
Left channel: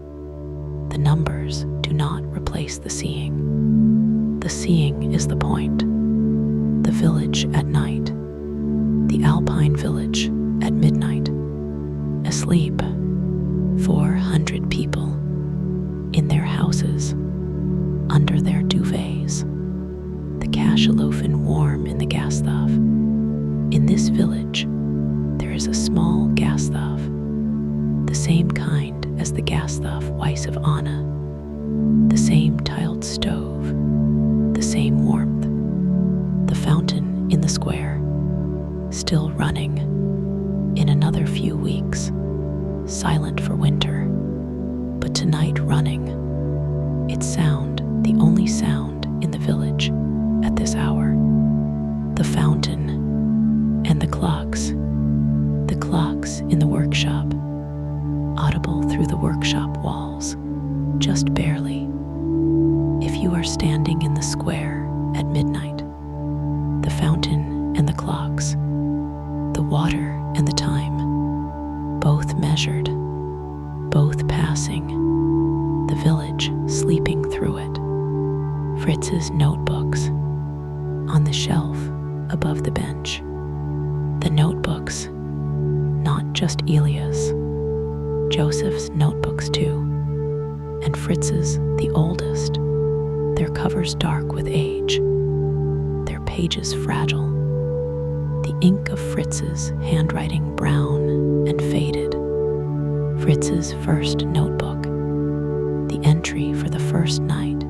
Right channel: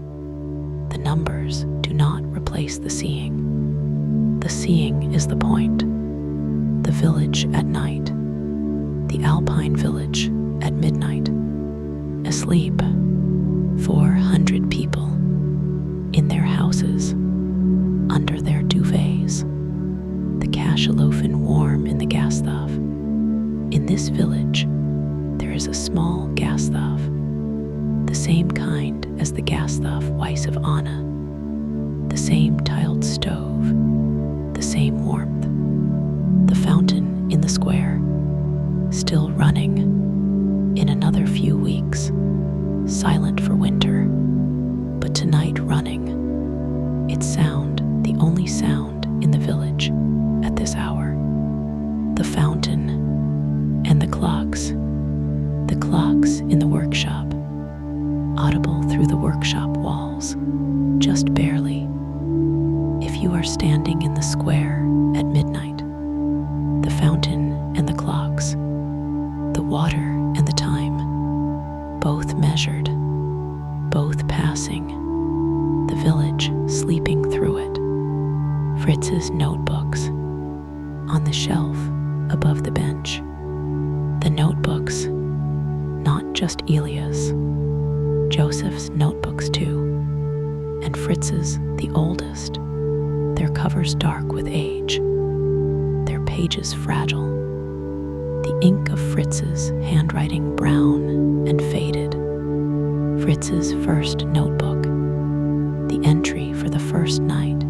The numbers do not replace the seeing. The seeing is the point. The village at night, the Alpine village at midnight, asleep, 400 people, in their houses, under their duvets, the cachalofen warm in the gas stove. In this village, there is a small gas stove, the same kind as the gas stove Weiss of Anna, the same tiled stove, the same warmth, the fountain in the square, still running, in another few weeks, silent for winter, but tonight running, its sound the only sound in the village at this hour. The fountain and the clocks in the workshop, audible through the workshop walls, just barely. If you are standing in the square at midnight, the fountain and the clocks, the water and the time, both measured, both passing, the village sleeping through it. Fritz's notebooks on the shelf above the bench. The notebooks, not just Elias, Joseph's notebooks too, and Fritz's, the oldest, their covers dark with age, their pages fragile, the ink of Fritz's handwriting brown and faded. Fritz's first notebook, the entry for the first night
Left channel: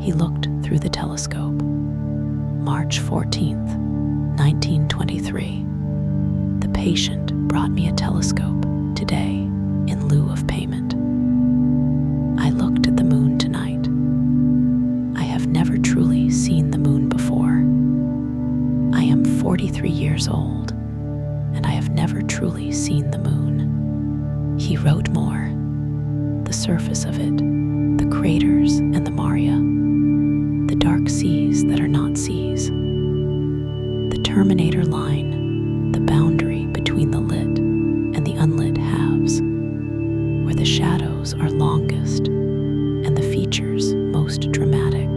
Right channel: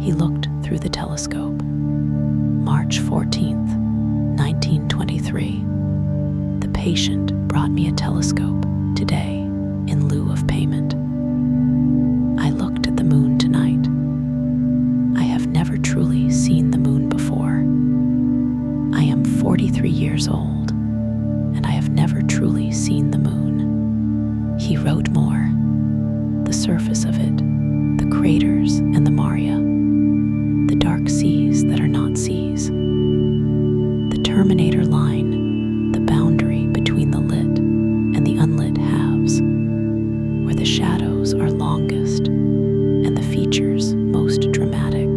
he looked through the telescope. March 14th, 1923. The patient brought me a telescope today in lieu of payment. I looked at the moon tonight. I have never truly seen the moon before. I am 43 years old, and I have never truly seen the moon. He wrote more. The surface of it, the craters and the maria, the dark seas that are not seas, the terminator line, the boundary between the lit and the unlit halves, where the shadows are longest and the features most dramatic.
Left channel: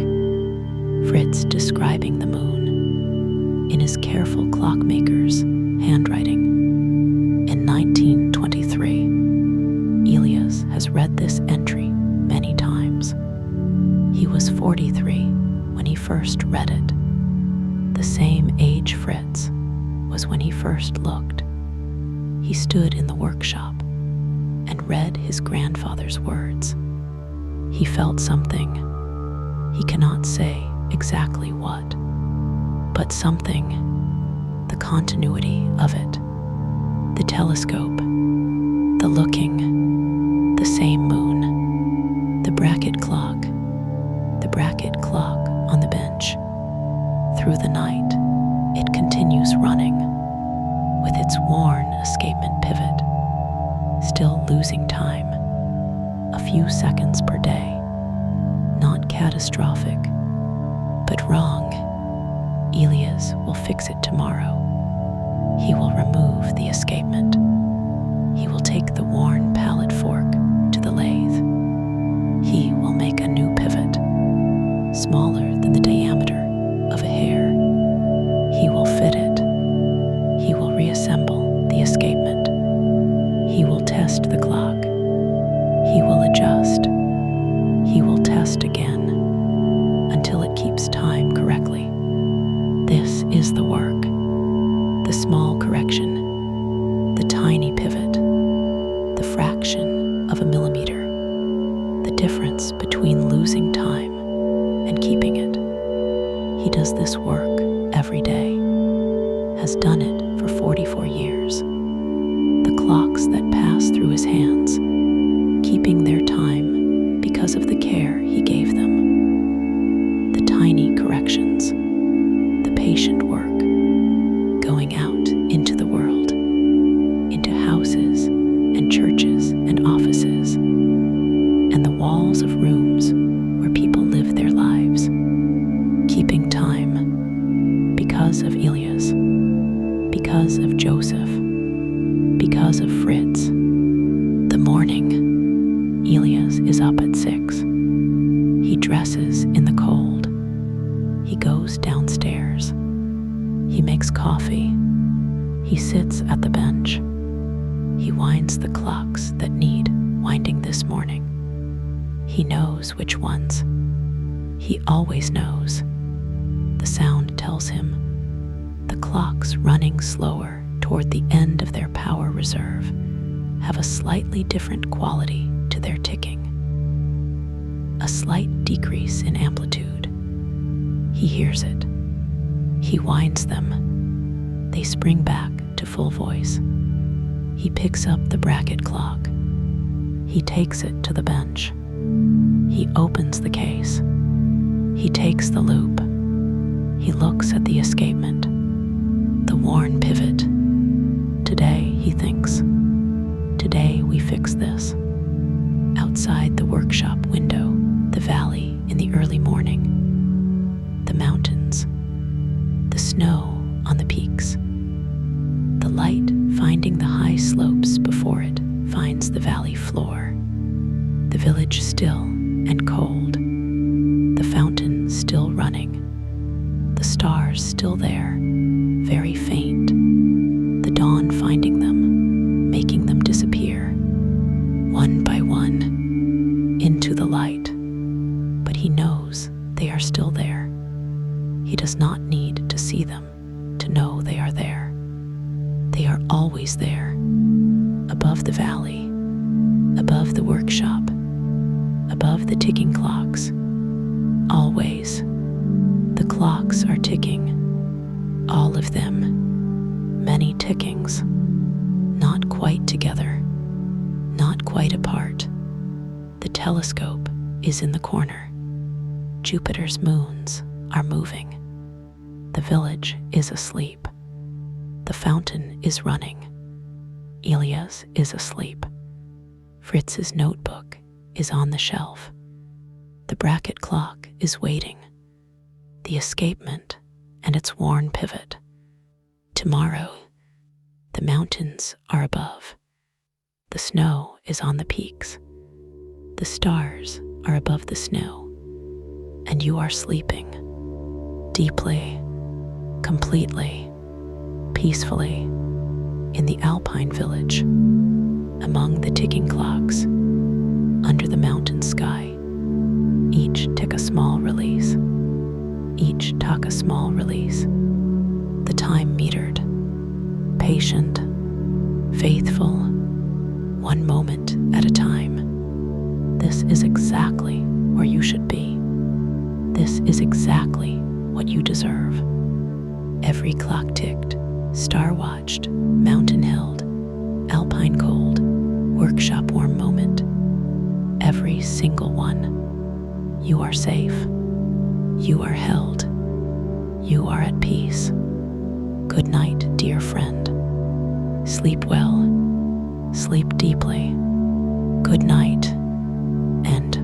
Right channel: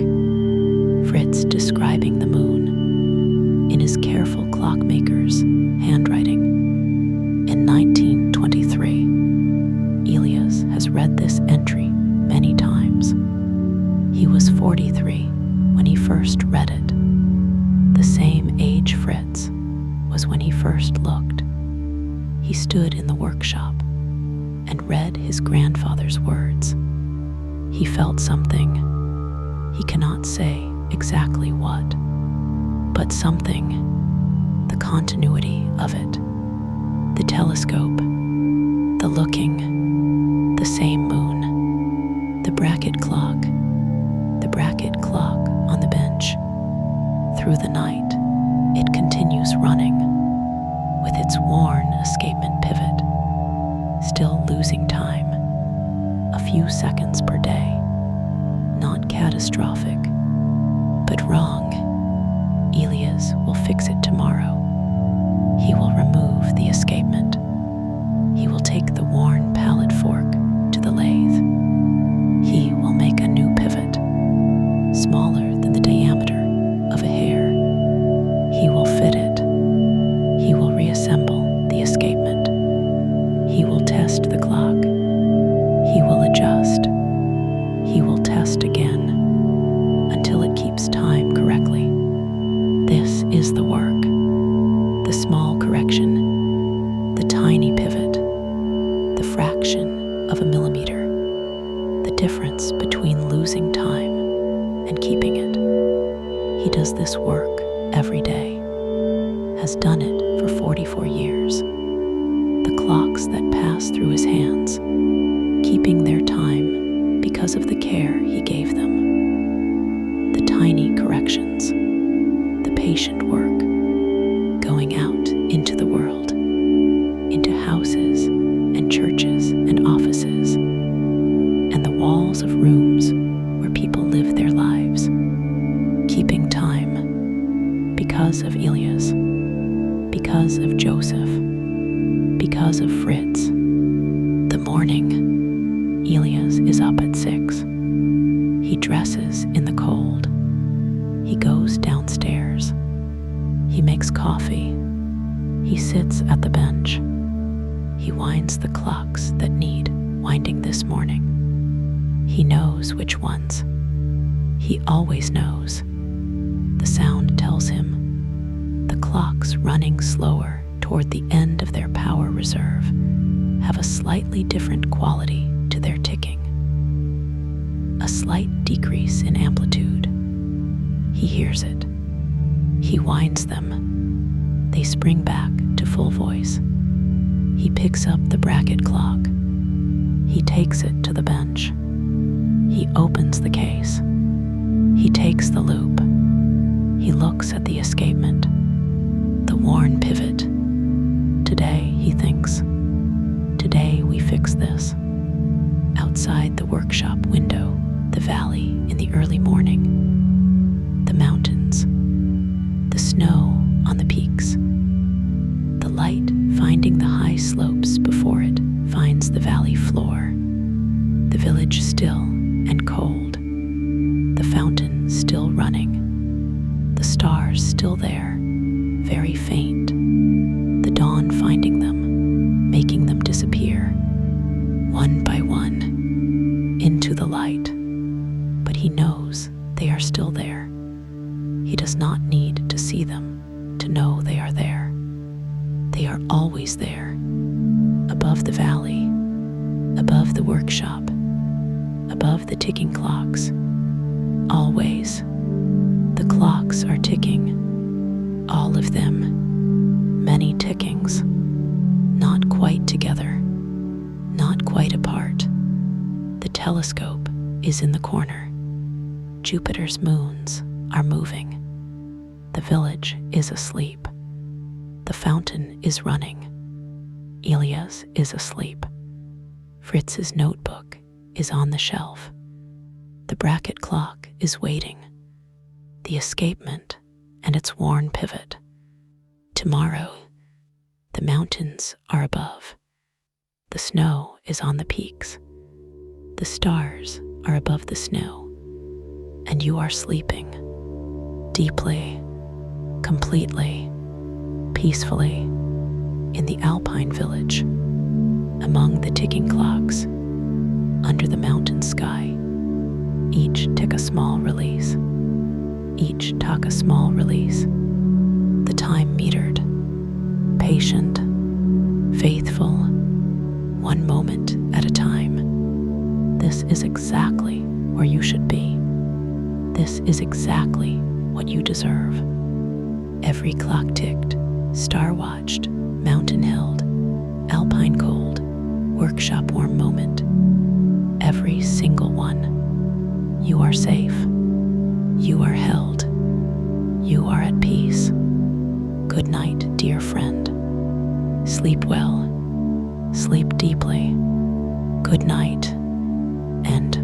Fritz describing the moon in his careful Clockmaker's handwriting. In 1923, Elias has read this entry many times. He was 43 when he first read it. The same age Fritz was when he first looked. He stood in the workshop and read his grandfather's words. He felt something. He cannot say exactly what, but something, the continuity of it, the telescope, the looking, the same moon, the bracket clock on the bench. Through the night, it continues running, with its worn escapement pivot, still losing time, a few seconds per day. Not catastrophic, but wrong. Elias will fix it tomorrow. He will remove the escapement. He will take the worn pallet fork to the lathe. He will make a new pivot, smaller than the diameter of a hair. He will fit it. He will reassemble the escapement. He will test the clock. He will adjust. He will test again until it keeps time correctly. This is the work, the small correction, the tiny pivot, the fraction of a millimeter, the difference between losing time and keeping it. He does this work every day, has done it for 44 years. The clocks that pass through his hands, keeping their time because of the care he gave them. The tiny corrections, the patient work, going out into the world, into houses and churches and offices, and the walls of rooms where people live their lives, keeping time because of Elias, because of Joseph, because of Fritz. The morning, Elias is up at 6. He dresses in the cold. He goes downstairs. He makes coffee. He sits at the bench. He winds the clocks that need winding this morning. He knows which ones. He always knows. The sound tells him the clocks running slower toward the end of their power reserve have a slightly different quality to their ticking. A slight decrease in amplitude. He hears it. He winds them. They spring back to full voice. He picks up the bracket clock. He takes it to the bench. He opens the case. He takes the loop. He looks at the escapement, the worn pivot. Today, he thinks, today we fix this. Outside the workshop window, the valley in the early morning, the mountains, the snow on the peaks, the light finding the high slopes before it finds the valley floor, the village still and cold, the fountain still running, the stars still there, very faint, the dawn finding them, making them disappear, one by one, into the light. But he knows they are still there. He does not need to see them to know they are there. They are always there, above the valley, above the workshop, above the ticking clocks. Always, the clocks are ticking, all of them, many tickings, not quite together, not quite apart. The telescope is in the corner. Jupiter's moons are moving. The village is asleep. The fountain is running. Elias is asleep. Fritz's notebook is on the shelf. The bracket clock is waiting. The escapement and its worn pivot. Tomorrow, the mountains are above. The snow is on the peaks. The stars are above the snow. And you are sleeping, deeply, completely, peacefully, in the Alpine village, among the ticking clocks, under the mountain sky. Each tick a small release. Each tuck a small release. The time metered, patient, faithful, one moment at a time. This This is exactly where you should be. This is exactly what you deserve. Every clock ticked, star watched, mountain held, Alpine cold, workshop warm moment. Every single one. You are safe. You are held. You are at peace. Good night, dear friend. Sleep well. Sleep deeply. Good night, and